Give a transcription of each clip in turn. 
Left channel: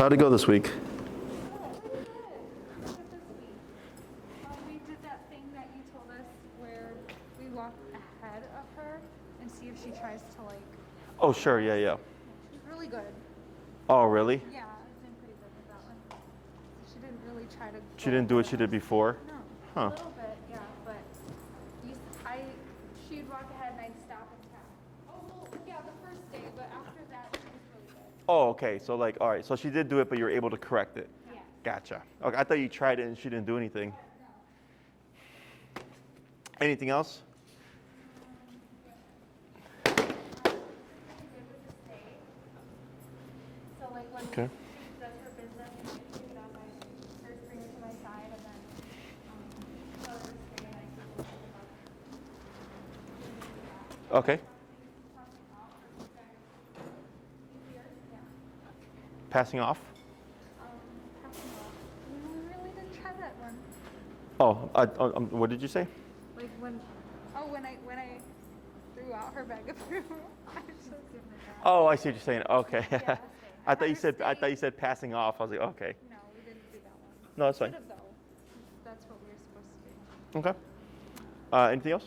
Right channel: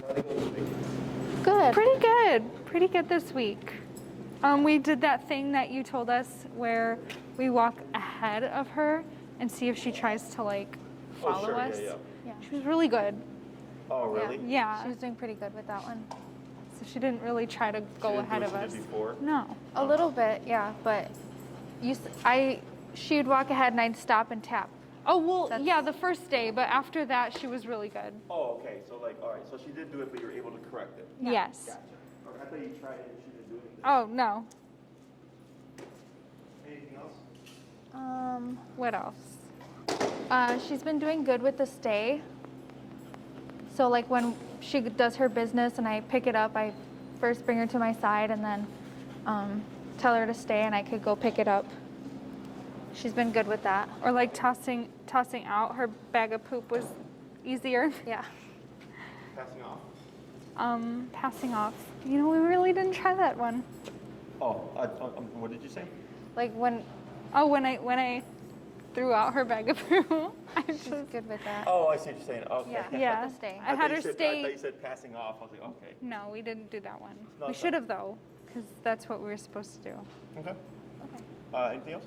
how'd it go this week? Good. Pretty good. Pretty good this week. We did that thing that you told us where we walk ahead of her and see if she tries to like follow Oh, sure, us. yeah. She was really good. Oh, really? Yeah. She was doing pretty good with that one. So she didn't really try to go She didn't do what ahead she of did us. before? No. A little bit, yeah, but she would walk ahead and I'd stop and tap. Oh, well, yeah, the first day, but after that, she was really good. Oh, okay. So like, all right. So she did do it, but you were able to correct it. Yes. Gotcha. Okay, I thought you tried it and she didn't do anything. Oh, no. Anything else? What else? She's been doing good with the stay. So like when she does her business and I pick it up, I first bring her to my side and then tell her to stay and I could go pick it up. She's been good with that. Or like tossing out her bag of poop was easier. Yeah. Passing off? Passing off. You know, we really didn't try that one. Oh, what did you say? Like when I threw out her bag of poop. she's good with that. Oh, I see what you're saying. Okay. Yeah. Stay. I thought you said passing off. I was like, okay. No, we didn't do that one. No, We that's fine. should have though, because that's what we were supposed to do. Okay. Anything else?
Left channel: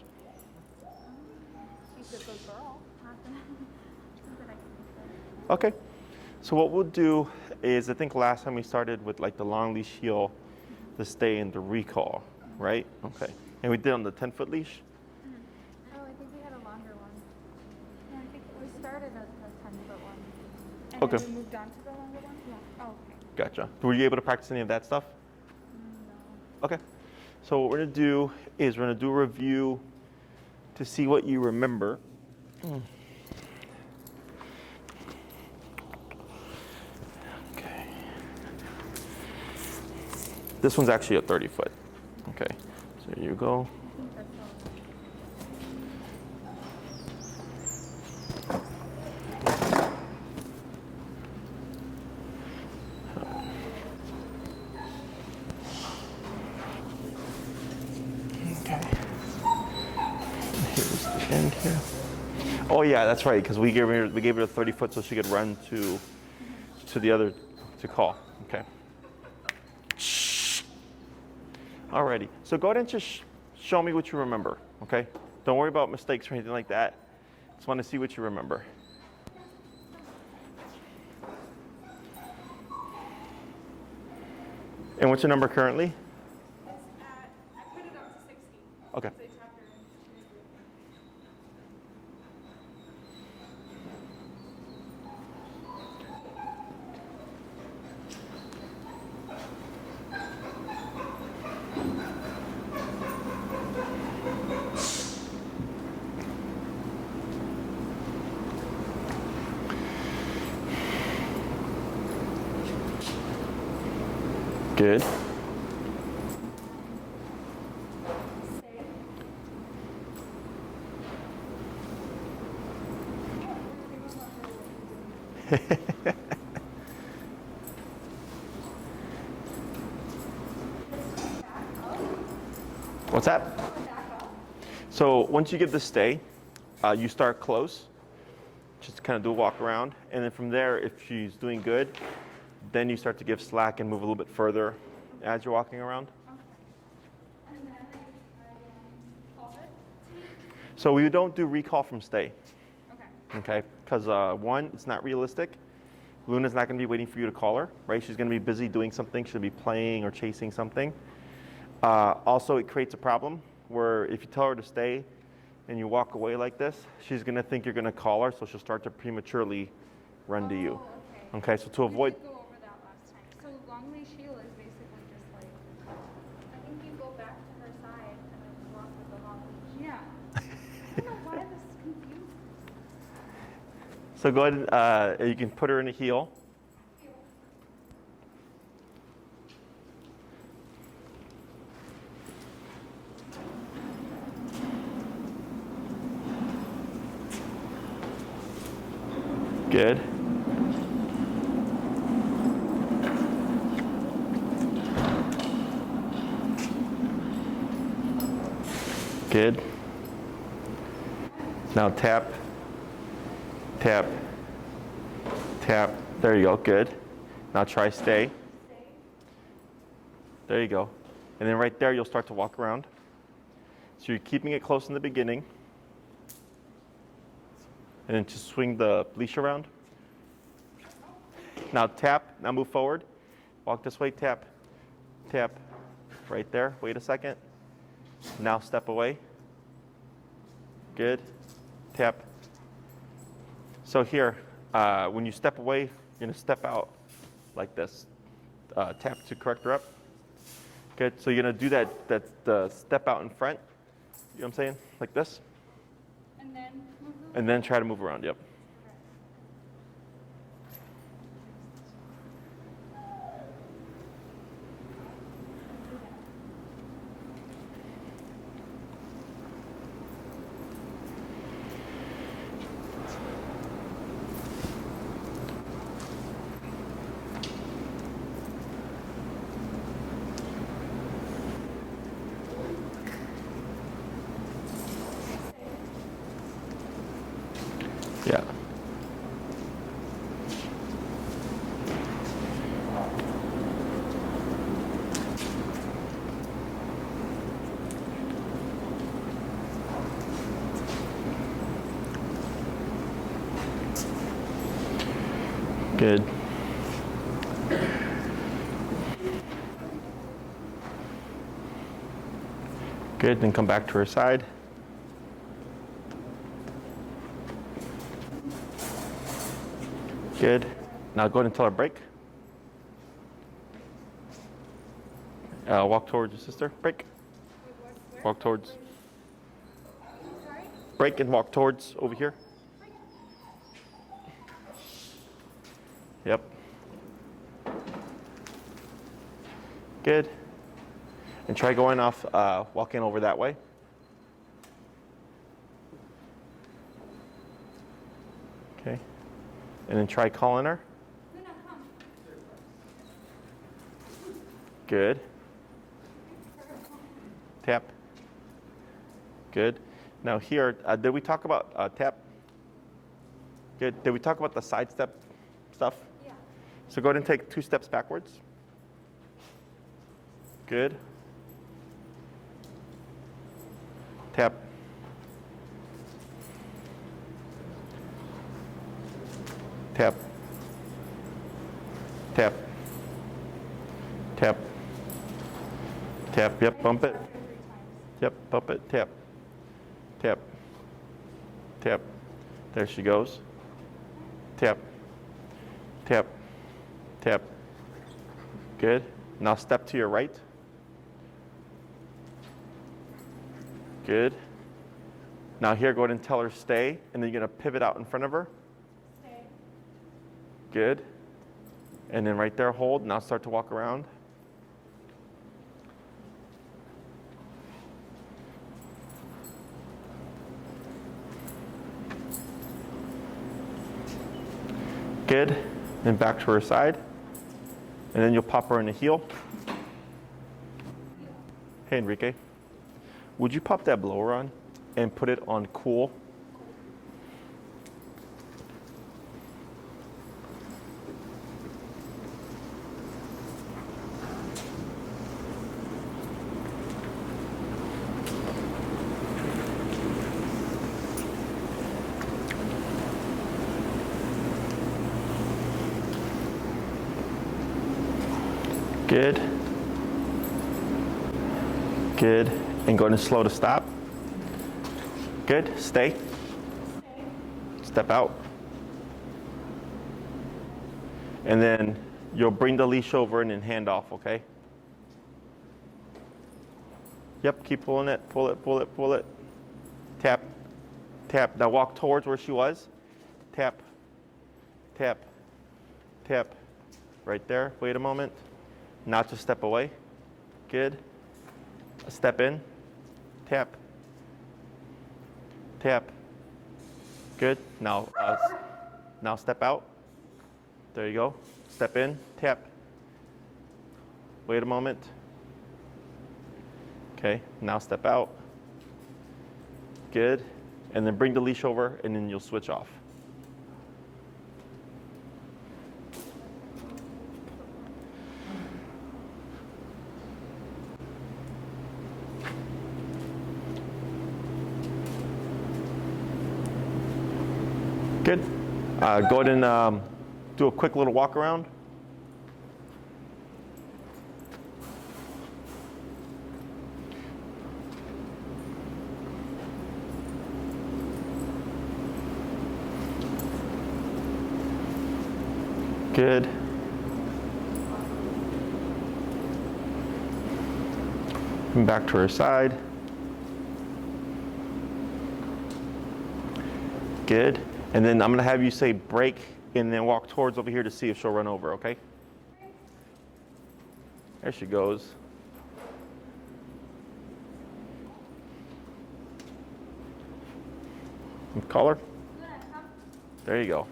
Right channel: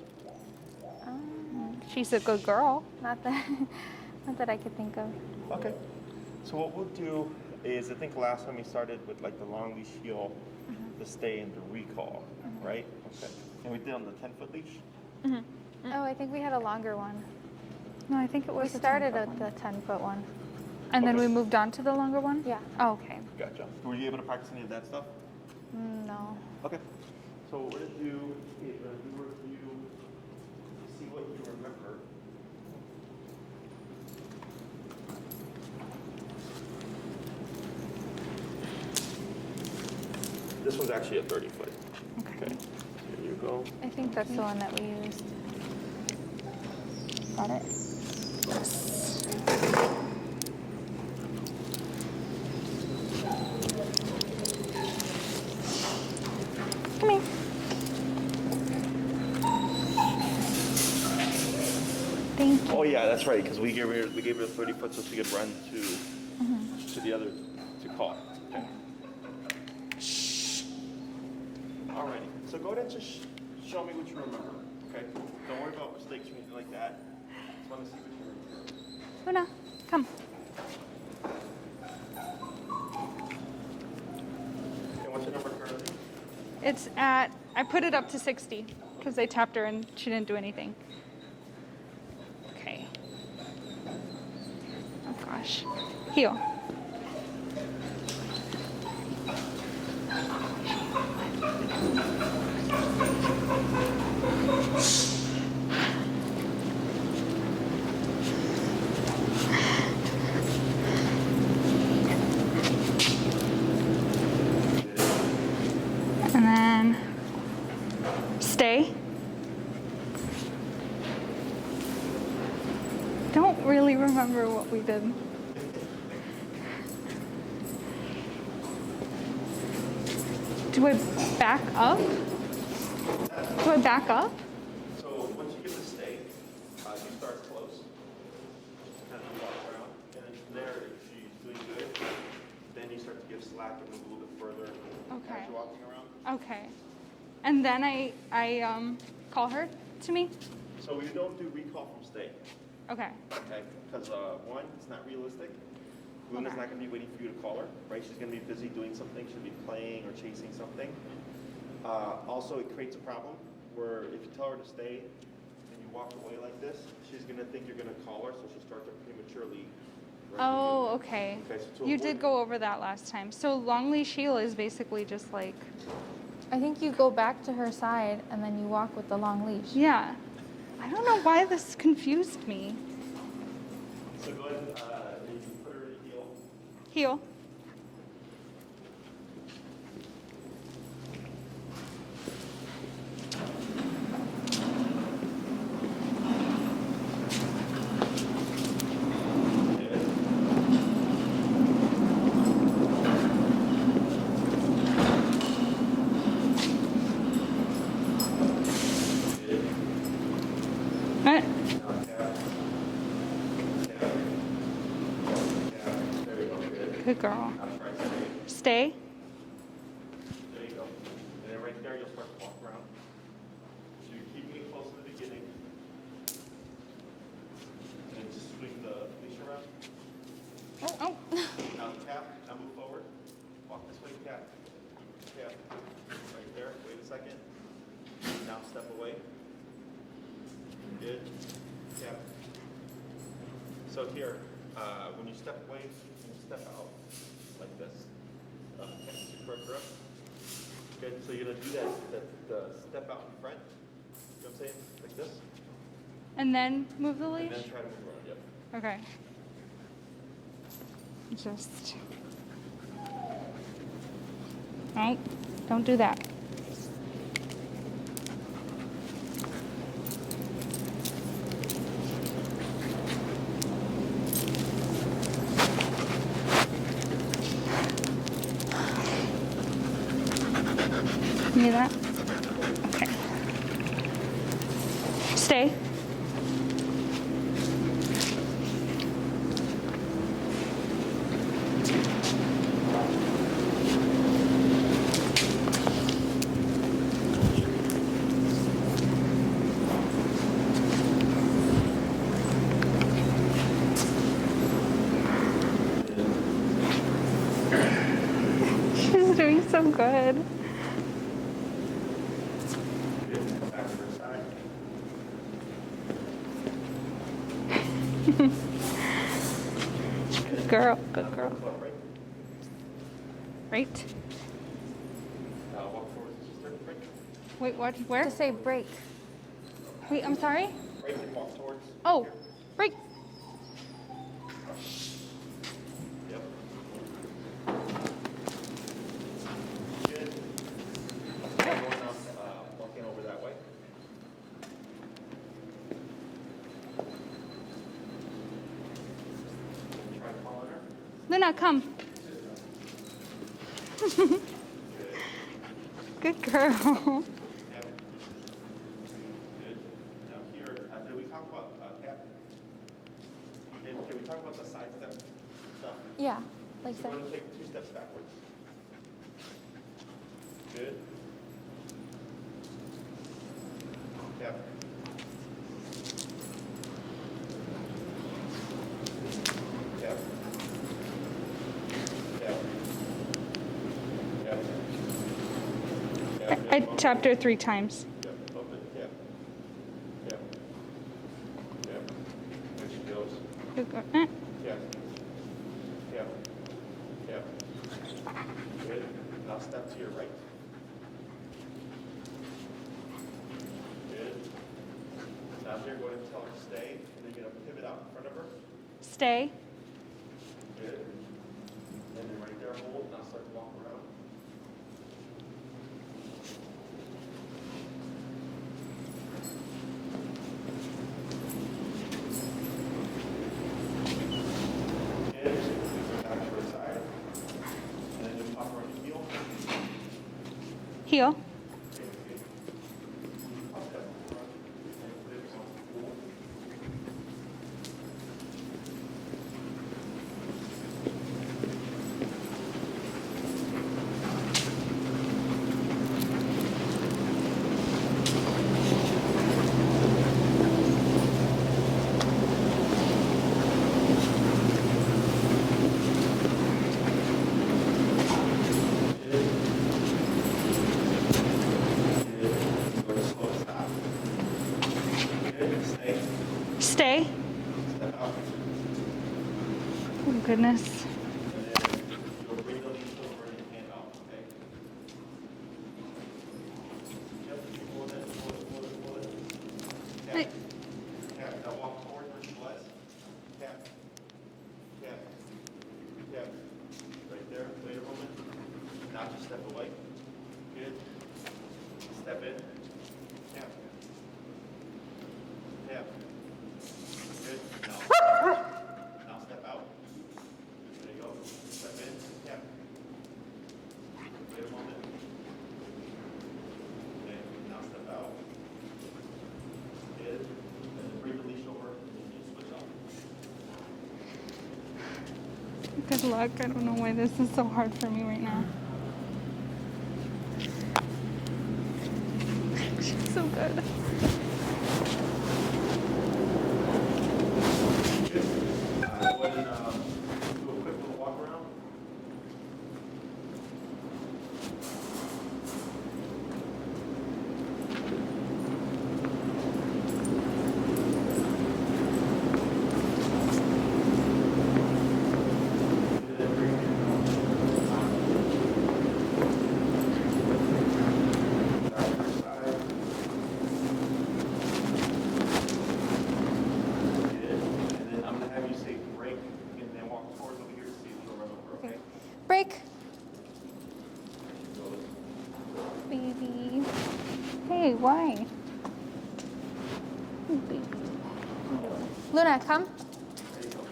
She's a good girl. Not that I could think of. Okay. So what we'll do is, I think last time we started with like the long leash heel, the stay and the recall, right? Okay. And we did on the 10-foot leash? Oh, I think we had a longer one. No, I think it We was. started at the 10-foot one. And then Okay. we moved on to the longer one. Yeah. Oh, okay. Gotcha. Were you able to practice any of that stuff? No. Okay. So what we're gonna do is we're gonna do a review to see what you remember. Okay. This one's actually a 30-foot. Okay. So here you go. I think that's the one that we used. Got it? Come here. Oh yeah, that's right. Because we gave her a 30-foot so she could run to the other to call. Okay. Alrighty. So go ahead and just show me what you remember. Okay. Don't worry about mistakes or anything like that. Just want to see what you remember. Luna, come. And what's your number currently? It's at. I put it up to 60 because Okay. I tapped her and she didn't do anything. Okay. Oh gosh. Heel. Good. And then stay. Don't really remember what we did. Do I back up? What's that? Do I back up? So once you give the stay, you start close. Just kind of do a walk around, and then from there, if she's doing good, then you start to give slack and move a little bit further as you're walking around. Okay. And then I call her to me? So we don't do recall from stay, Okay. okay? Because one, it's not realistic. Luna's not going to be waiting for you to call her, right? She's going to be busy doing something. She'll be playing or chasing something. Also, it creates a problem where if you tell her to stay and you walk away like this, she's going to think you're going to call her, so she'll start to prematurely run to you. Oh, okay. Okay, so to You avoid... did go over that last time. So long leash heel is basically just like, I think you go back to her side and then you walk with the long leash. yeah. I don't know why this confused me. So go ahead, you can put her in a heel. Heel. Good. Good. Now tap, tap, tap, There you go, good. Good girl. Now try stay. Stay. There you go. And then right there, you'll start to walk around. So you're keeping it close in the beginning. And then just swing the leash around. Oh, oh. Now tap, now move forward. Walk this way, tap, tap. Right there, wait a second. Now step away. Good, tap. So here, when you step away, you're gonna step out like this. Tap to correct her up. Good, so you're gonna do that the step out in front. You know what I'm saying? Like this. And then move the leash? And then try to move around, yep. Okay. Just. Oh, don't do that. You need that? Okay. Stay. Yeah. Good. She's doing so good. Good, then come back to her side. Good. Girl. Now go ahead and tell her break. Right? Walk towards your sister. Break. Wait, what? Where? Walk Say towards. break. Wait, I'm sorry? Break and walk towards over Oh. here. Break. Yep. Good. And try going off, walking over that way. Okay. And then try calling her. Luna, come. Good. Good girl. Tap. Good. Now here, did we talk about tap? Good. Did we talk about the side step stuff? Yeah. Like So go ahead and take 2 steps backwards. Good. Tap. Tap. Tap. Tap. Tap. Yep. I Bump tapped it. her 3 times. Yep. Bump it. Tap. Tap. Tap. There she goes. Good girl. Eh. Tap. Tap. Tap. Good. Now step to your right. Good. Now here, go ahead and tell her stay, and then you're gonna pivot out in front of her. Stay. Good. And then right there, hold. Now start to walk around. Good. Then back to her side. And then you'll pop her in the heel. Heel. Hey, Enrique. Would you pop that blower on and put it on cool? Good. Good. And go ahead and slow to stop. Good. Stay. Stay. Step out. Oh, goodness. And then you'll bring the leash over and then hand off, okay? Yep, keep pulling it. Pull it, pull it, pull it. Tap. Wait. Tap. Now walk towards where she was. Tap. Tap. Tap. Right there. Wait a moment. Now just step away. Good. Step in. Tap. Tap. Good. Now, now step out. There you go. Step in. Tap. Wait a moment. Okay. Now step out. Good. And then bring the leash over, and then you'll switch off. Good luck. I don't know why this is so hard for me right now. She's so good. Good. Go ahead and do a quick little walk around. Good. Come back to her side. Good. And then I'm gonna have you say break and then walk towards over here to see if she'll run over, okay? Break. There she goes. Baby. Hey, why? Hey, baby. Call her. Luna, come. There you go.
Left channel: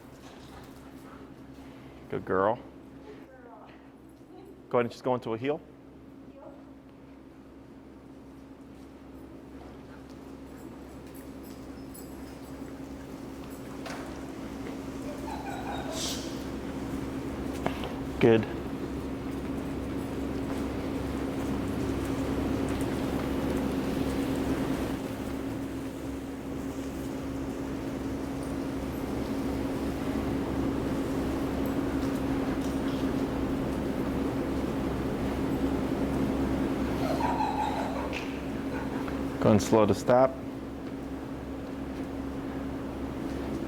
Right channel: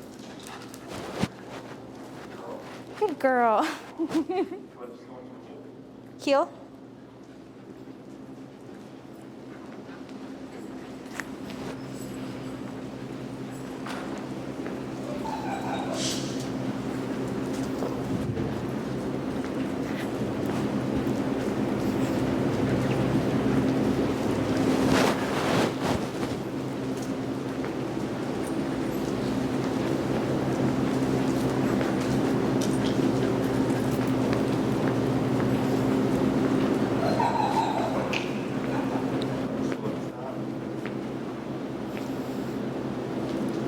Good girl. Good girl. Go ahead and just go into a heel. Heel. Good. Go and slow to stop.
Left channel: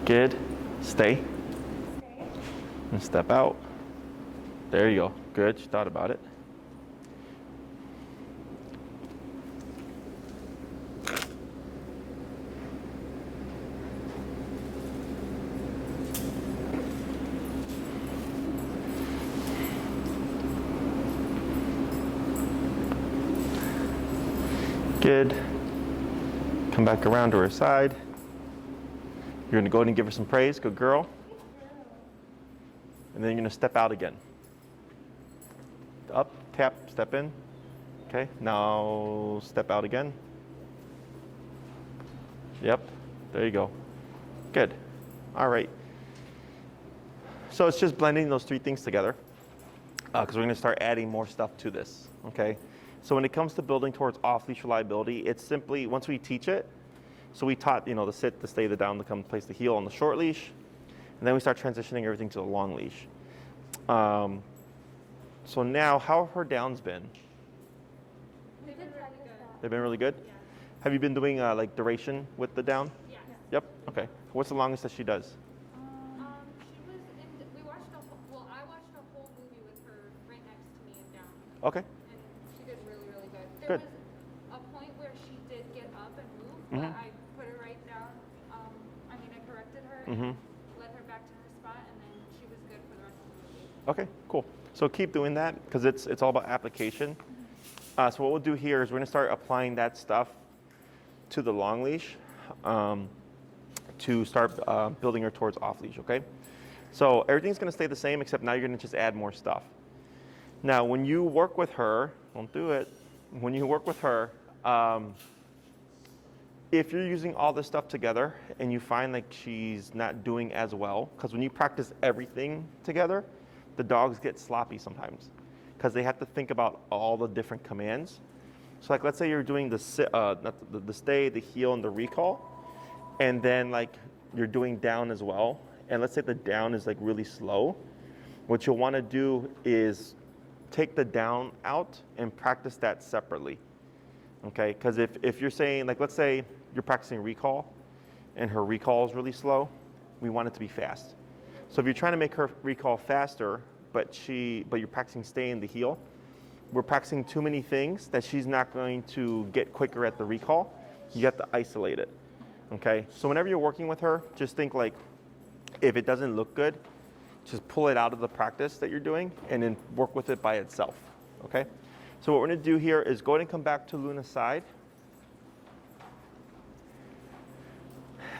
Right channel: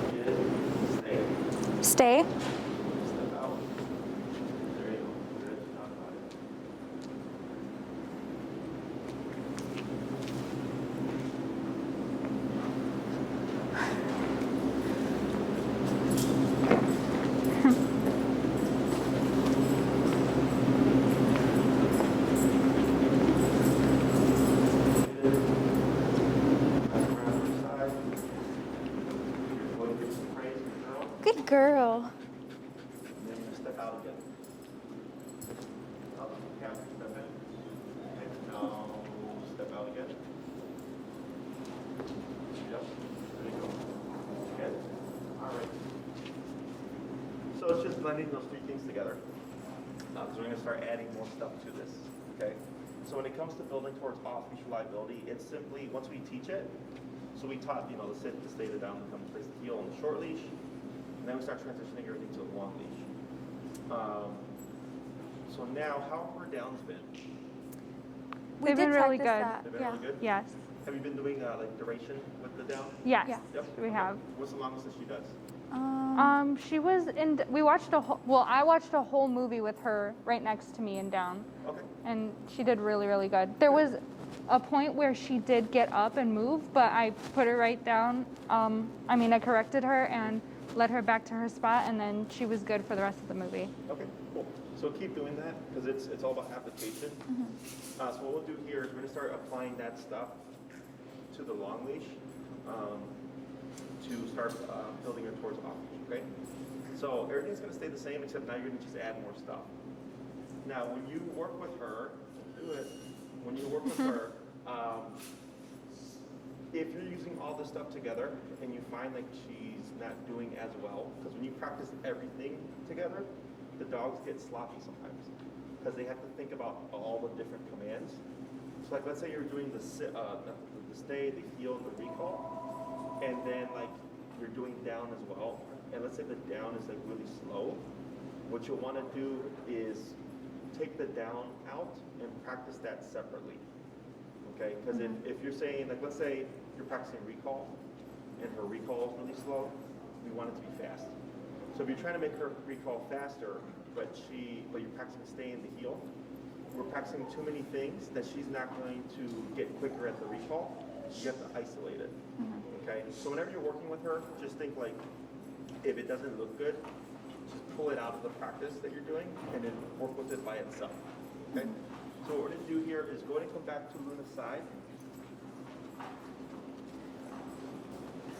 Good. Stay. Stay. And step out. There you go. Good. She thought about it. Good. Come back around to her side. You're going to go ahead and give her some praise. Good girl. Good girl. And then you're going to step out again. Up, tap, step in. Okay, now step out again. Yep, there you go. Good. All right. So it's just blending those three things together because we're going to start adding more stuff to this. Okay. So when it comes to building towards off-leash reliability, it's simply, once we teach it, so we taught, you know, the sit, the stay, the down, the come, place the heel on the short leash, and then we start transitioning everything to the long leash. So now, how have her downs been? They've been really good. They've been really good? Yes. Have you been doing like duration with the down? Yes. Yeah. Yep. We Okay. have. What's the longest that she does? She was in. We watched I watched a whole movie with her right next to me and down, Okay. and she did really, really good. There Good. was a point where she did get up and move, but I put her right down. I corrected her and led her back to her spot, and then she was good for the rest of the movie. Okay, cool. So keep doing that because it's all about application. So what we'll do here is we're going to start applying that stuff to the long leash to start building her towards off leash, okay? So everything's going to stay the same except now you're going to just add more stuff. Now when you work with her, don't do it. When you work with her, if you're using all this stuff together and you find like she's not doing as well, because when you practice everything together, the dogs get sloppy sometimes because they have to think about all the different commands. So like let's say you're doing the stay, the heel, and the recall, and then like you're doing down as well. And let's say the down is like really slow. What you'll want to do is take the down out and practice that separately. Okay, because if you're saying, like let's say you're practicing recall and her recall is really slow, we want it to be fast. So if you're trying to make her recall faster, but you're practicing stay in the heel, we're practicing too many things that she's not going to get quicker at the recall. You have to isolate it. Okay, so whenever you're working with her, just think like, if it doesn't look good, just pull it out of the practice that you're doing and then work with it by itself, okay? So what we're gonna do here is go ahead and come back to Luna's side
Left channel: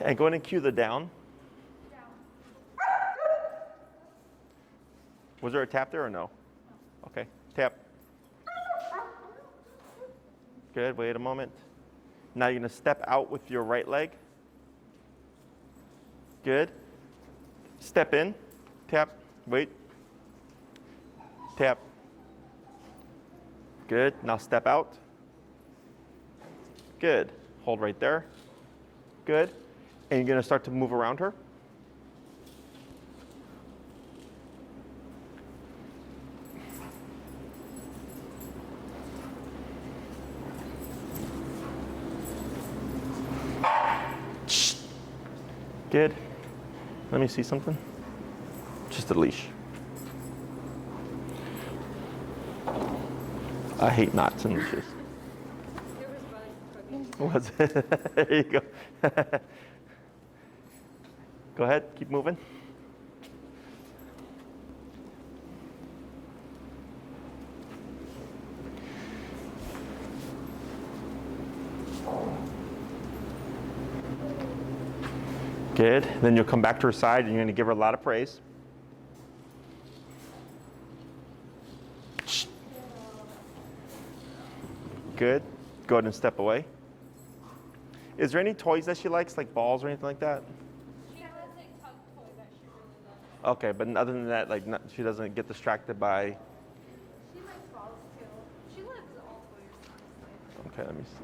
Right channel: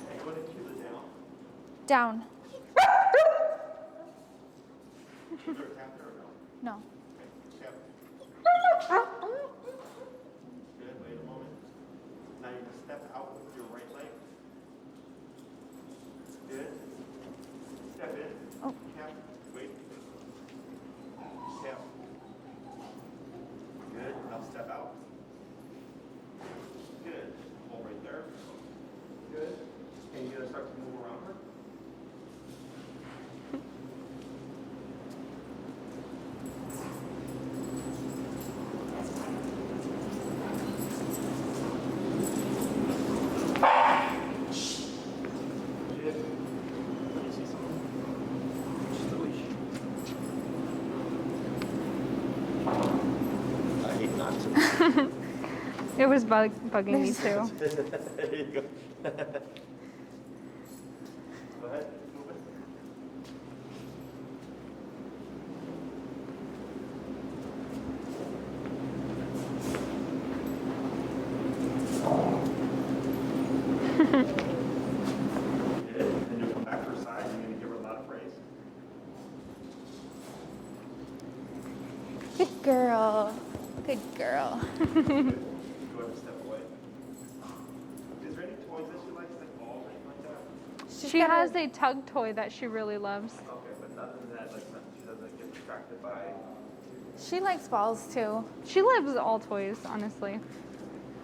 and go ahead and cue the down. Down. Was there a tap there or no? No. Okay, tap. Good, wait a moment. Now you're gonna step out with your right leg. Good. Step in, tap, wait, Tap. Good. Now step out. Good. Hold right there. Good. And you're going to start to move around her. Good. Let me see something. Just a leash. I hate knots in this. It was bugging me too. There you go. Go ahead, keep moving. Good. Then you'll come back to her side and you're going to give her a lot of praise. Good girl. Good girl. Good. Go ahead and step away. Is there any toys that she likes, like balls or anything like that? She has a tug toy that she really loves. Okay, but other than that, like she doesn't get distracted by. She likes balls too. She loves all toys, honestly. Okay, let me see.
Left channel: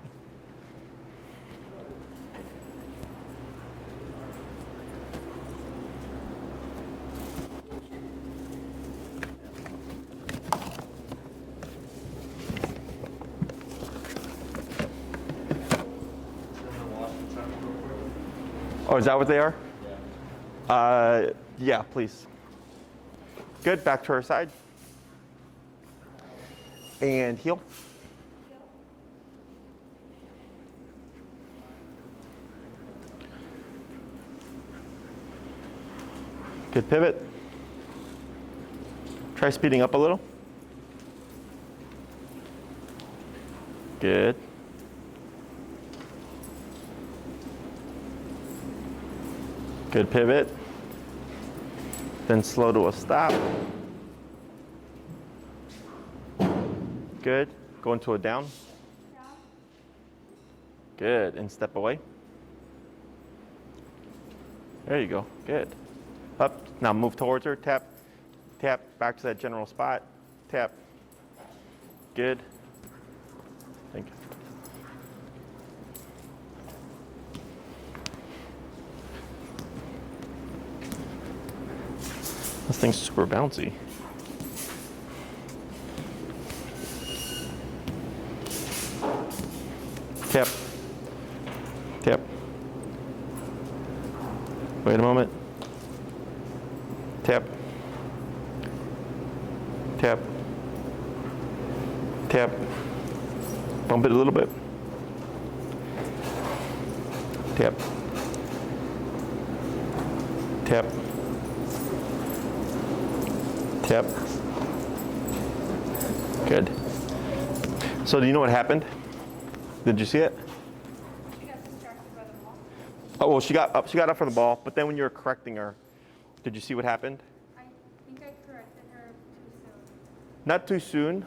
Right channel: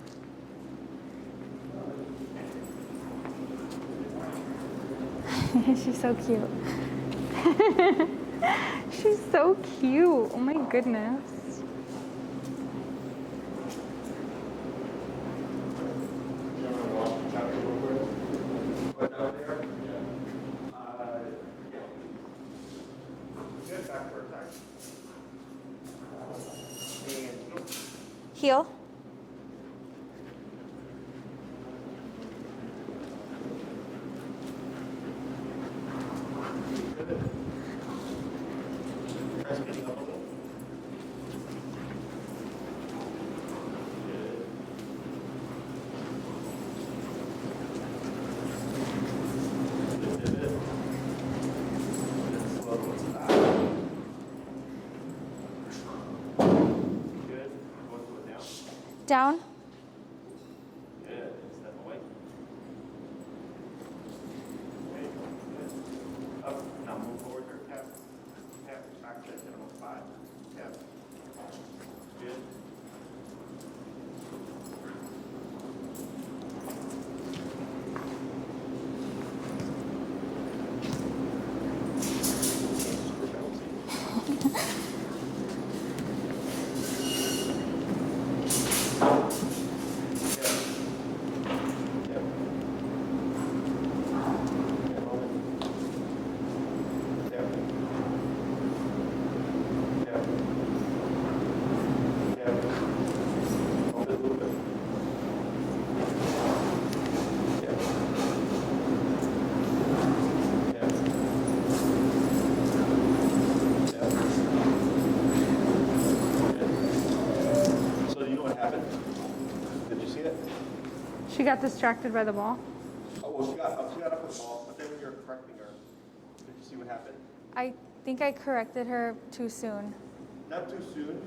She's so cute. She's so cute. Oh my goodness. Oh, is that what they are? Yeah, please. Good, back to her side. And heel. Heel. Good pivot. Try speeding up a little. Good. Good pivot. Then slow to a stop. Good. Go into a down. Down. Good. And step away. There you go. Good. Up. Now move towards her. Tap. Tap. Back to that general spot. Tap. Good. Thank you. This thing's super bouncy. Tap. Tap. Wait a moment. Tap. Tap. Tap. Bump it a little bit. Tap. Tap. Tap. Good. So do you know what happened? Did you see it? She got distracted by the ball. Oh, well, she got up for the ball, but then when you were correcting her, did you see what happened? I think I corrected her too soon. Not too soon.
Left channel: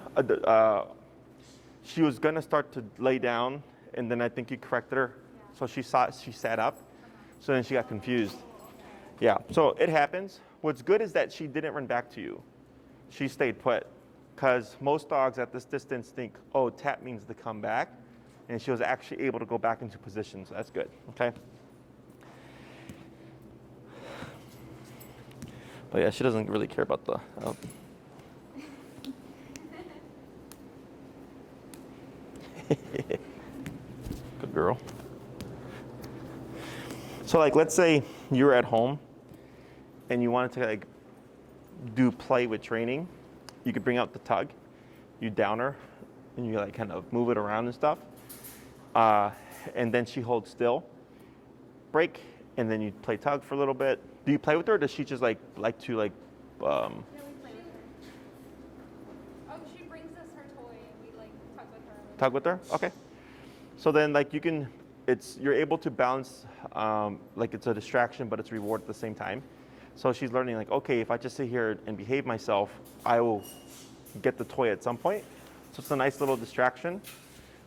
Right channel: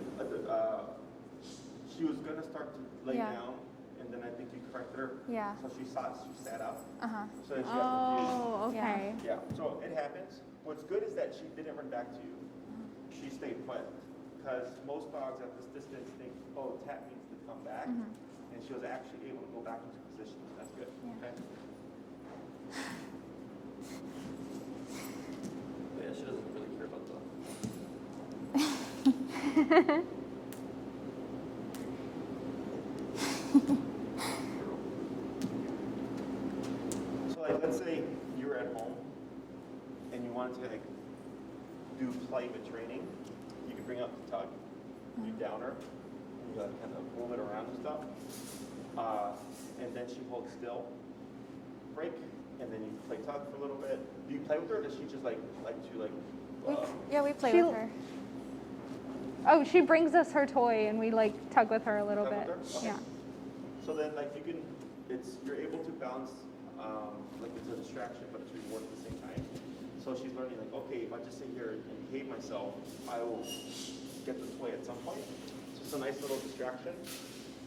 She was gonna start to lay down, and then I think you corrected her. Yeah. So she sat up. So then she got confused. Oh, okay. Yeah. So it happens. What's good is that she didn't run back to you. She stayed put, because most dogs at this distance think, oh, tap means to come back, and she was actually able to go back into position. So that's good. Okay. But yeah, she doesn't really care about the. Good girl. So like, let's say you're at home and you wanted to like do play with training. You could bring out the tug, you down her, and you like kind of move it around and stuff. And then she holds still, break, and then you play tug for a little bit. Do you play with her, or does she just like to Yeah, we play She- with her. Oh, she brings us her toy and we like tug with her a little bit. tug with her? Okay. Yeah. So then like you're able to balance, like it's a distraction, but it's reward at the same time. So she's learning like, okay, if I just sit here and behave myself, I will get the toy at some point. So it's a nice little distraction.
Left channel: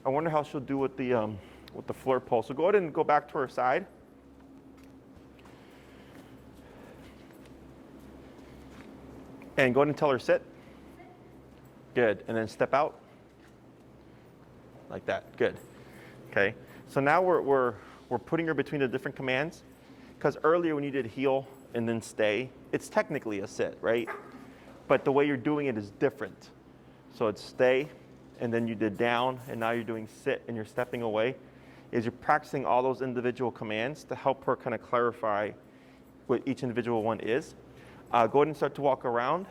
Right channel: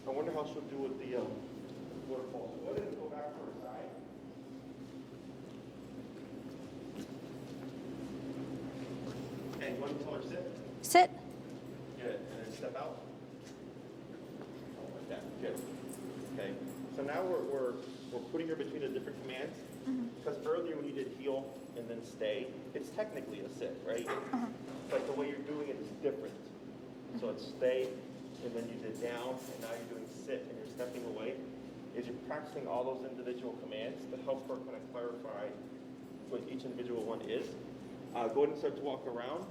I wonder how she'll do with the floor pole. So go ahead and go back to her side. And go ahead and tell her sit. Sit. Good. And then step out. Like that. Good. Okay. So now we're putting her between the different commands. Because earlier when you did heel and then stay, it's technically a sit, right? But the way you're doing it is different. So it's stay, and then you did down, and now you're doing sit, and you're stepping away. Is you're practicing all those individual commands to help her kind of clarify what each individual one is. Go ahead and start to walk around.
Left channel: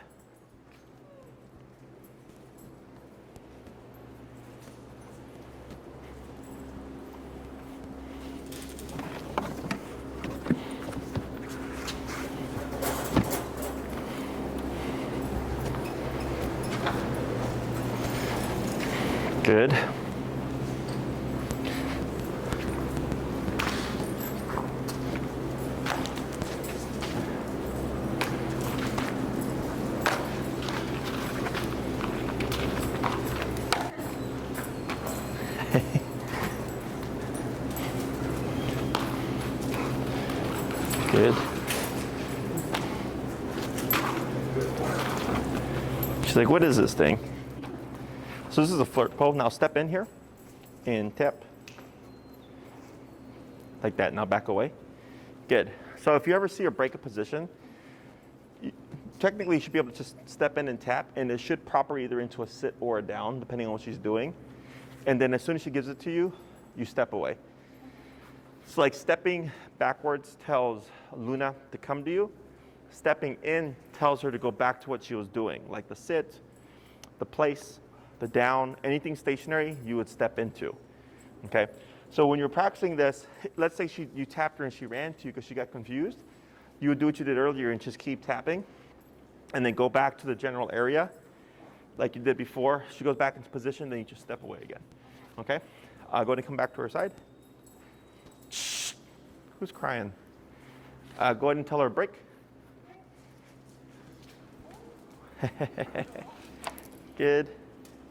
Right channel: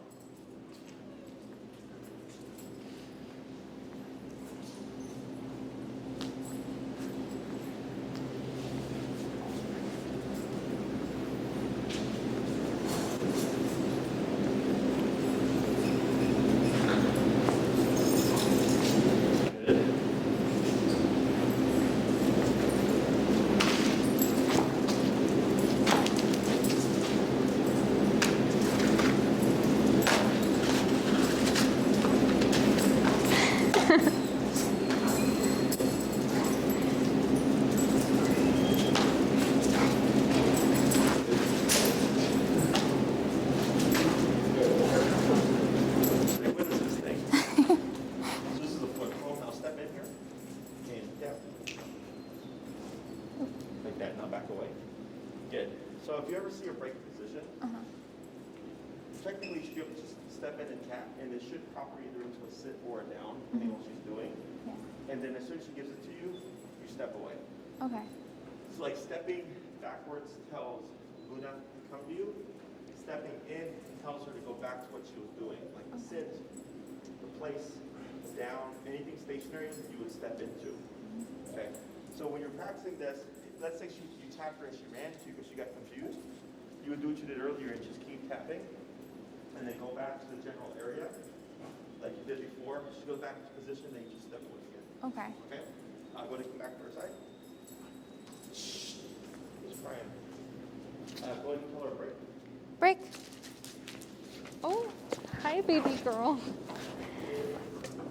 Good. Good. She's like, what is this thing? So this is a flirt pole. Now step in here and tap. Like that. Now back away. Good. So if you ever see her break a position, technically you should be able to just step in and tap, and it should prop her either into a sit or a down, depending on what she's doing. And then as soon as she gives it to you, you step away. Okay. So like stepping backwards tells Luna to come to you. Stepping in tells her to go back to what she was doing, like the sit, the place, the down, anything stationary you would step into. Okay. So when you're practicing this, let's say you tapped her and she ran to you because she got confused. You would do what you did earlier and just keep tapping, and then go back to the general area like you did before. She goes back into position, then you just step away again. Okay. Okay? Go ahead and come back to her side. Shh. Who's crying? Go ahead and tell her break. Break. Oh, hi, baby girl. Good.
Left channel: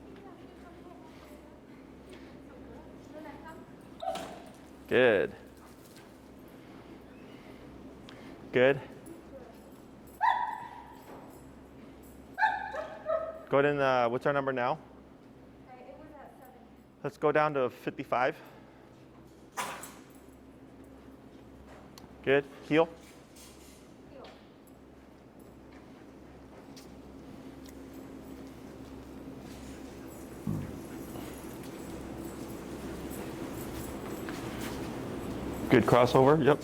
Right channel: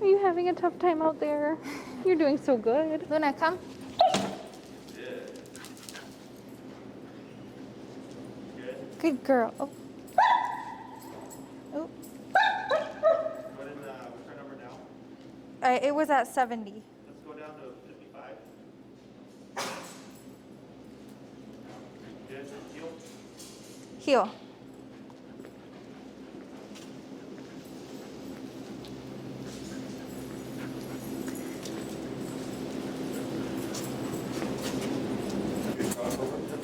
Are you having a tough time out there? You're doing so good. Luna, come. Good. Good. Good girl. Oh. Oh. Go ahead and, what's our number now? It was at 70. Let's go down to 55. Good. Heel. Heel. Good crossover. Yep.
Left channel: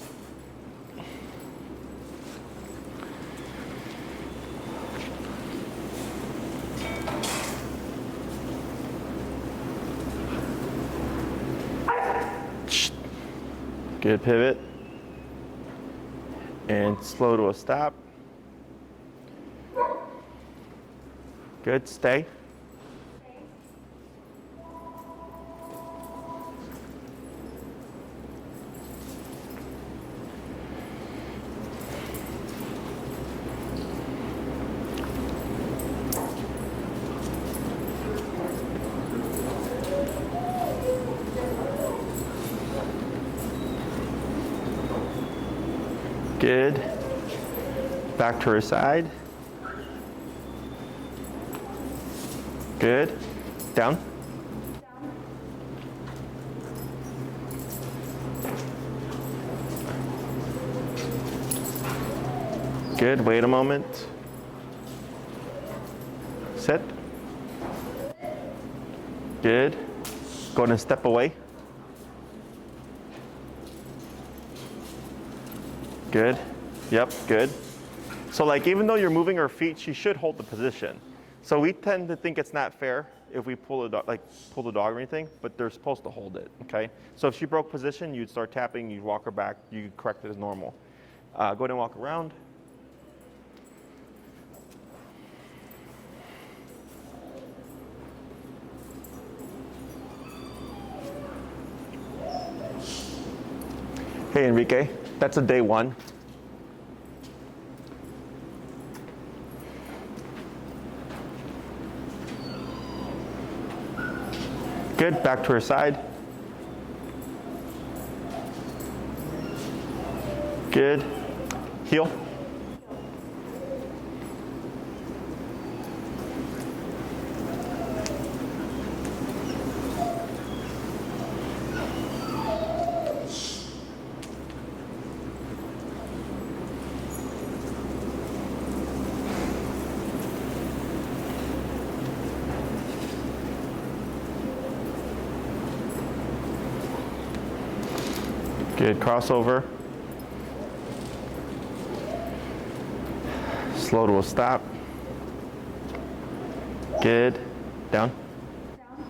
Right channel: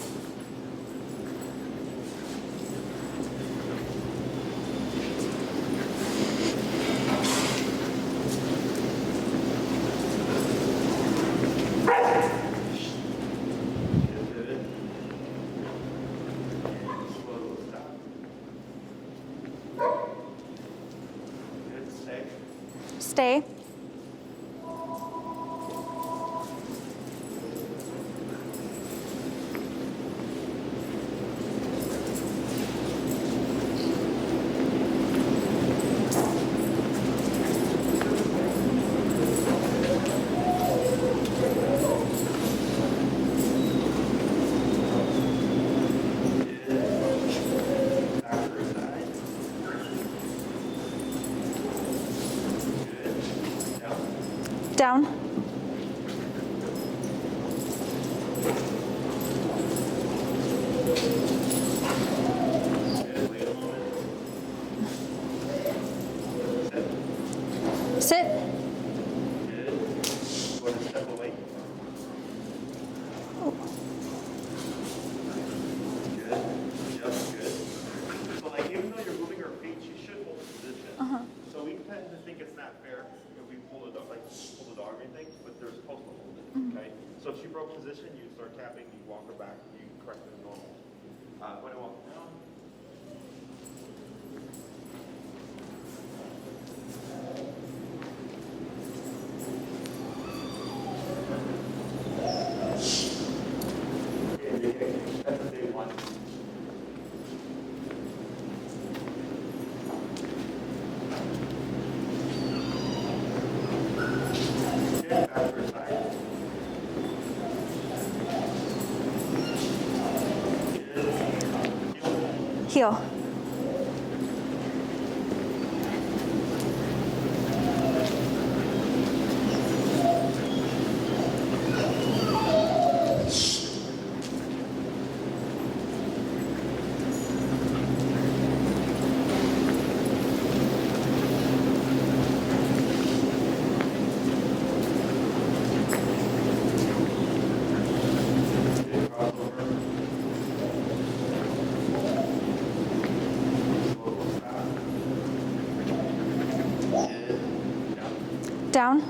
Good pivot. And slow to a stop. Good. Stay. Stay. Good. Back to her side. Good. Down. Down. Good. Wait a moment. Sit. Sit. Good. Go ahead and step away. Good. Yep, good. So like even though you're moving her feet, she should hold the position. So we tend to think it's not fair if we pull the dog or anything, but they're supposed to hold it, okay? So if she broke position, you'd start tapping, you'd walk her back, you'd correct it as normal. Go ahead and walk around. Hey Enrique, that's a day one. Good, back to her side. Good. Heel. Heel. Good, crossover. Slow to a stop. Good. Down. Down.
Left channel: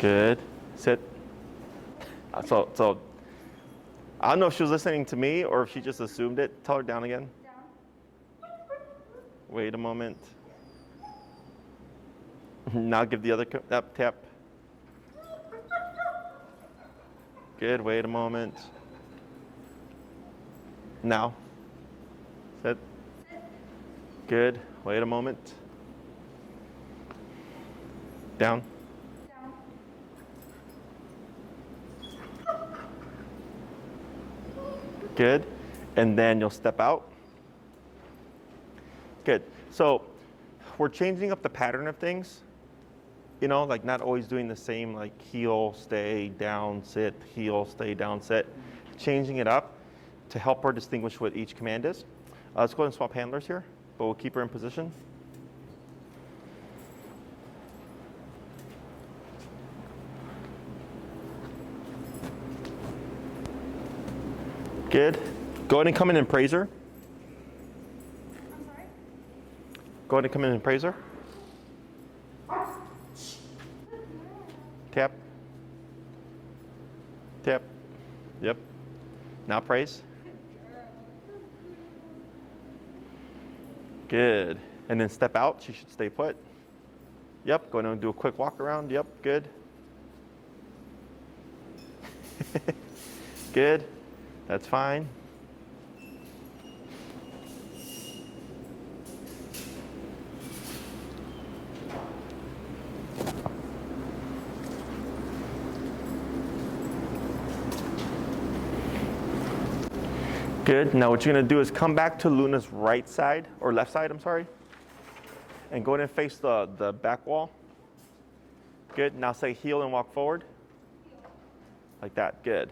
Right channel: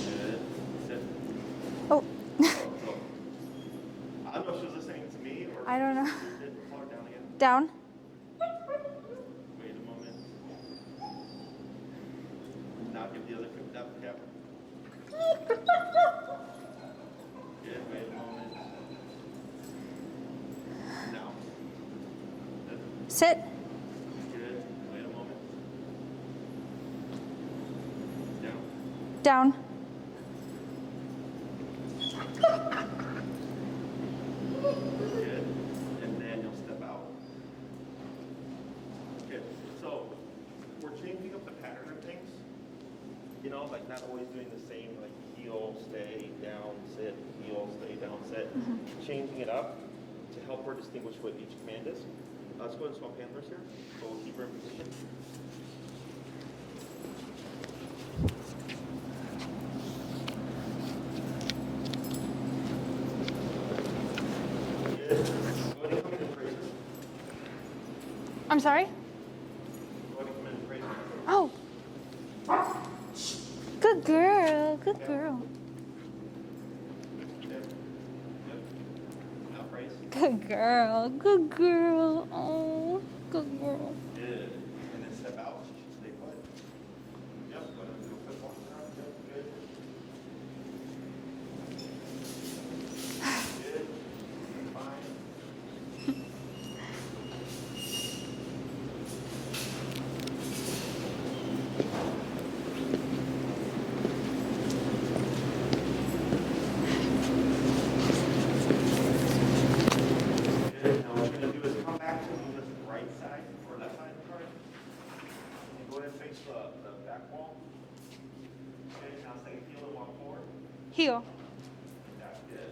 Good. Sit. Oh. So I don't know if she was listening to me or if I she don't just know. assumed it. Tell her down again. Down. Wait a moment. Now give the other up tap. Good. Wait a moment. Now. Sit. Sit. Good. Wait a moment. Down. Down. Good. And then you'll step out. Good. So we're changing up the pattern of things. You know, like not always doing the same, like heel, stay, down, sit, heel, stay, down, sit. Changing it up to help her distinguish what each command is. Let's go ahead and swap handlers here, but we'll keep her in position. Good. Go ahead and come in and praise her. I'm sorry? Go ahead and come in and praise her. Oh. Good girl. Good Tap. girl. Tap. Yep. Now praise. Good girl. Good girl. Oh, good girl. Good. And then step out. She should stay put. Yep. Go ahead and do a quick walk around. Yep. Good. Good. That's fine. Good. Now what you're going to do is come back to Luna's right side, or left side, I'm sorry. And go ahead and face the back wall. Good. Now say heel and walk forward. Heel. Like that. Good.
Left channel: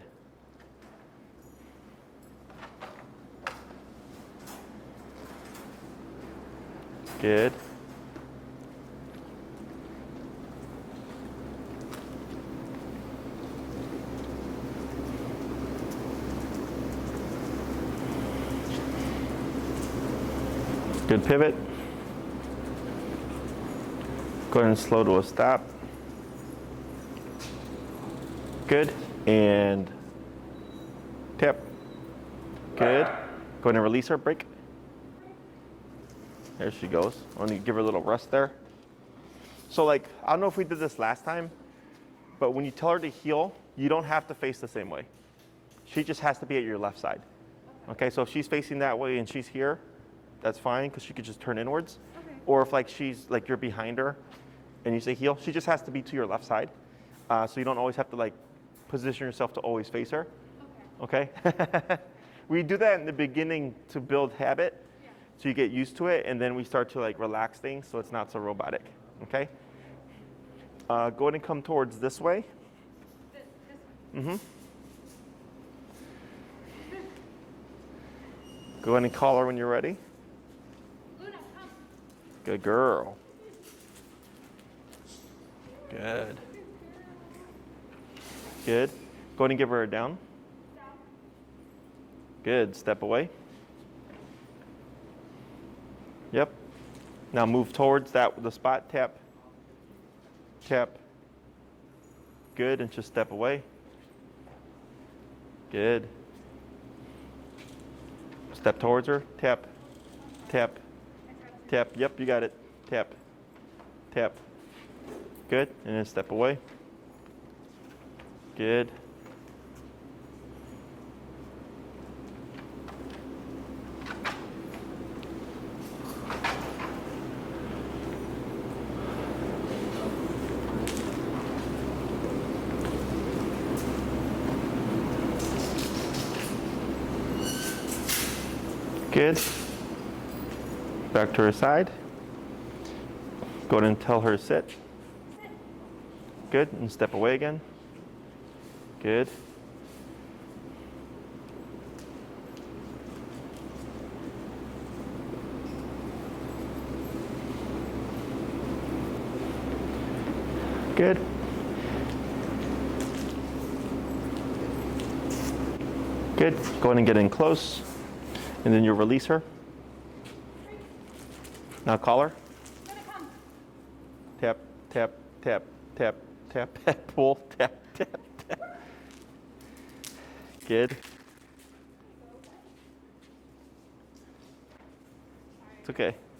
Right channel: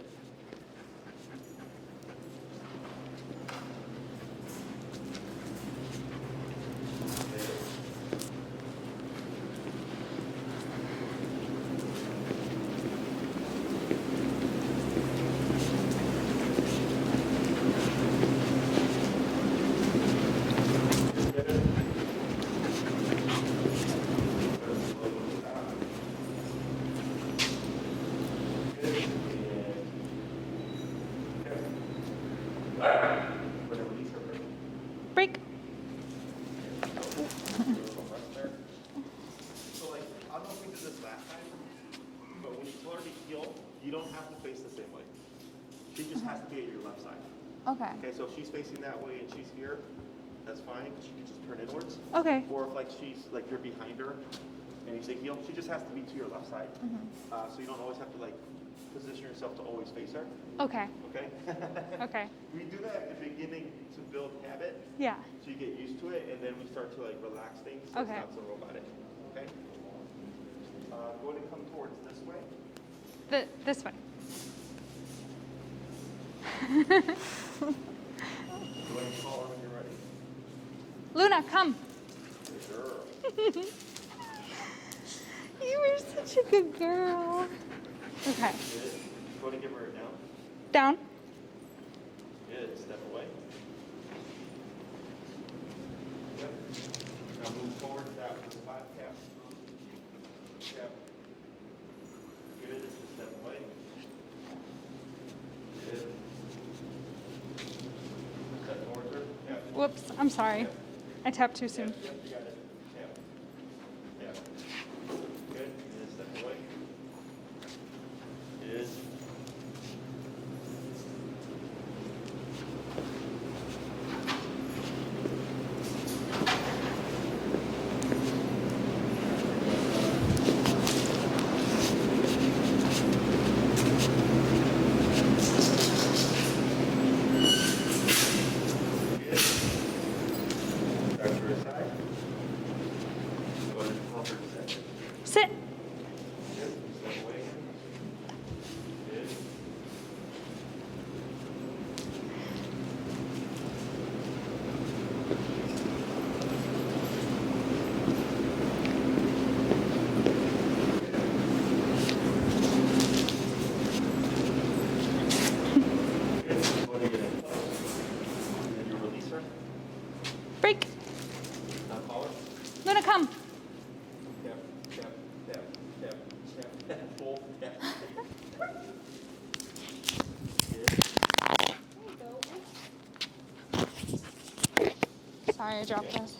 Good. Good pivot. Go ahead and slow to a stop. Good. And tap. Good. Go ahead and release her. Break. Break. There she goes. Let me give her a little rest there. So like, I don't know if we did this last time, but when you tell her to heel, you don't have to face the same way. She just has to be at your left side. Okay. Okay, so if she's facing that way and she's here, that's fine because she could just turn inwards. Okay. Or if like she's like you're behind her and you say heel, she just has to be to your left side. So you don't always have to like position yourself to always face her. Okay. Okay? Okay. We do that in the beginning to build habit. Yeah. So you get used to it, and then we start to like relax things so it's Okay. not so robotic. Okay? Go ahead and come towards this way. This way. Go ahead and call her when you're ready. Luna, come. Good girl. You were Good. such a good girl. Okay. Good. Go ahead and give her a down. Down. Good. Step away. Yep. Now move towards the spot. Tap. Tap. Good. And just step away. Good. Step towards her. Tap. Whoops. I'm sorry. Tap. I tapped too Tap. soon. Yep, you got it. Tap. Tap. Good. And then step away. Good. Good. Back to her side. Go ahead and tell her sit. Sit. Good. And step away again. Good. Good. Good. Go ahead and get in close. And then you'll release her. Break. Now call her. Luna, come. Tap, tap, tap, tap, tap, tap, pull, tap, tap, tap. Good. Sorry, I It's dropped okay. this.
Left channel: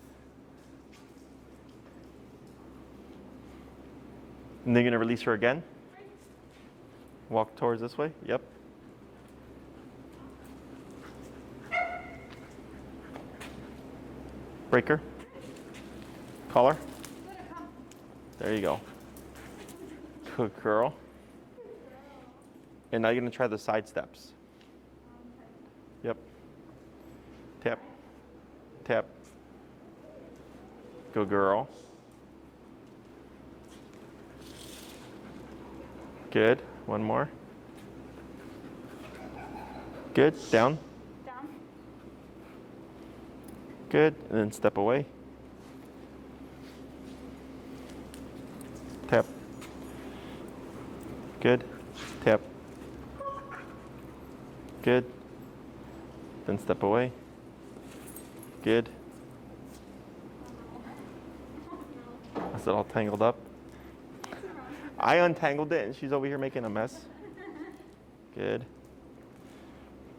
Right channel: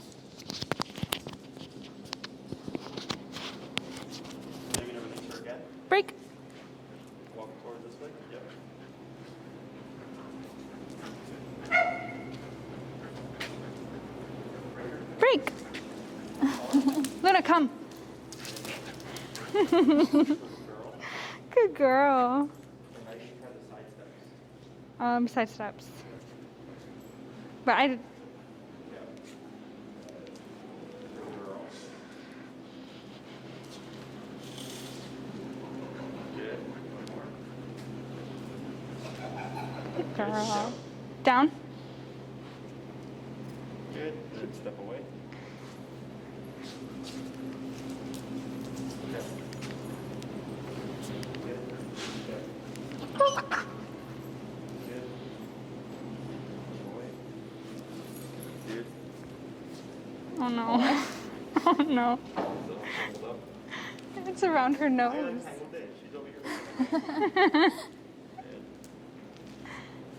And then you're gonna release her again. Break. Walk towards this way. Yep. Break her. Break. Call her. Luna, come. There you go. Good girl. Good girl. And now you're gonna try the side steps. Side steps. Yep. But Tap, I, tap. Good girl. Good. One more. Good. girl. Down. down. Good. And then step away. Tap. Good. Tap. Good. Then step away. Good. Oh no. Oh no. Is it all tangled up? It's around her nose. I untangled it and she's over here making a mess. Good.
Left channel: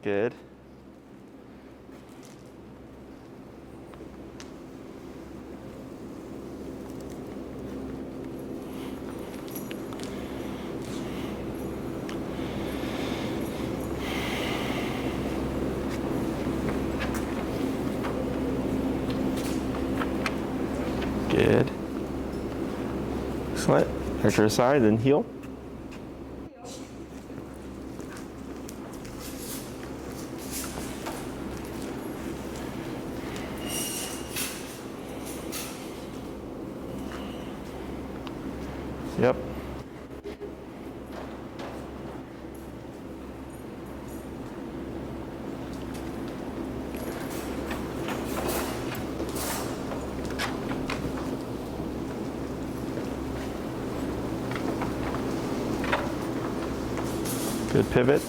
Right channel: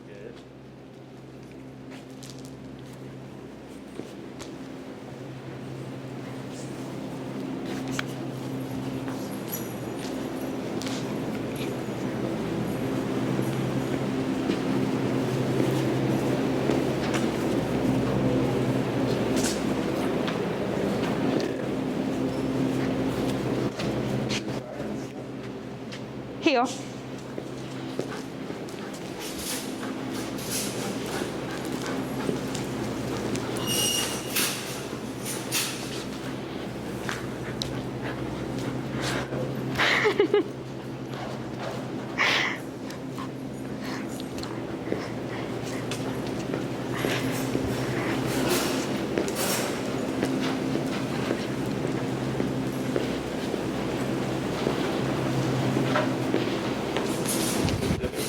Good. Good. Excellent. Hurt your side and heel. Heel. Yep. Good pivot.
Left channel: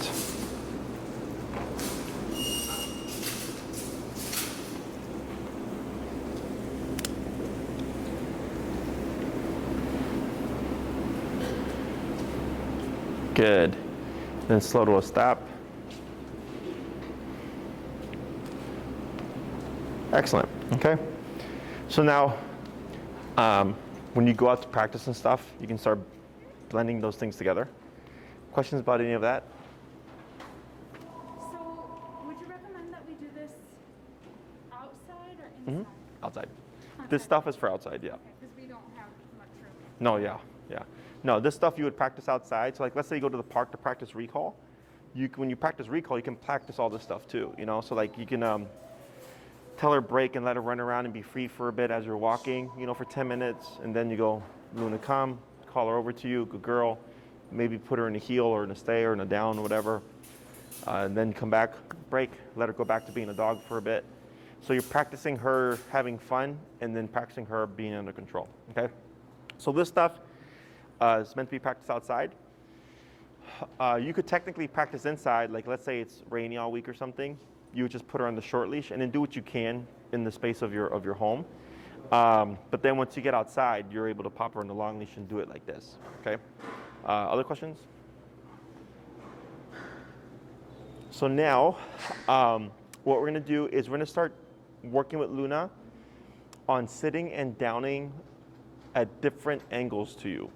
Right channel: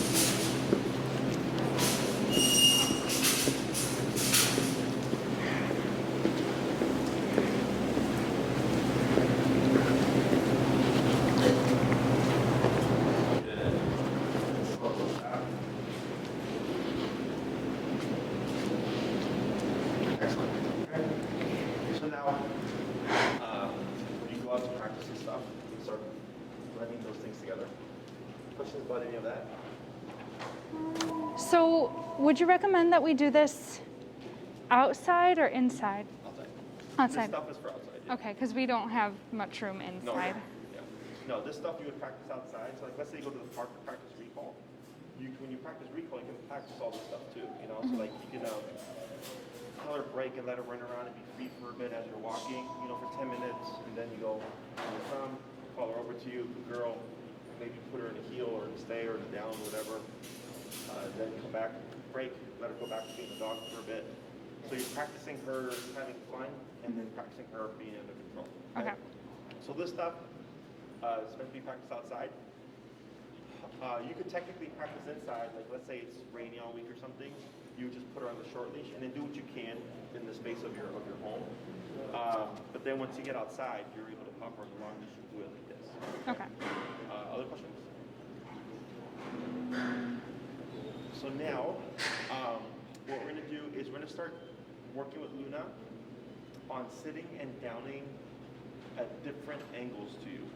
Good. Then slow to a stop. Excellent. Okay. So now, when you go out to practice and stuff, you can start blending those things together. Questions about any of that? So, would you recommend that we do this outside or inside? Outside. Outside. This stuff is for outside, yeah. Okay, because we don't have much room inside. No, yeah, yeah. No, this stuff you would practice outside. So like, let's say you go to the park to practice recall. When you practice recall, you can practice all this stuff too, you know? So like you can tell her break and let her run around and be free for a bit as you're walking, you know, for 10 minutes. And then you go, Luna, come, call her over to you, good girl. Maybe put her in a heel or in a stay or in a down or whatever. And then come back, break, let her go back to being a dog for a bit. So you're practicing her having fun and then practicing her being under control, okay? So this stuff is meant to be practiced outside. You could technically practice inside, like let's say it's rainy all week or something. You would just put her on the short leash and then do what you can in the space of your home. But then once you get outside, you're able to pop her on the long leash and do it like this, okay? Other questions? So now, what we're gonna do is we're gonna start working with Luna on sitting and downing at different angles to you,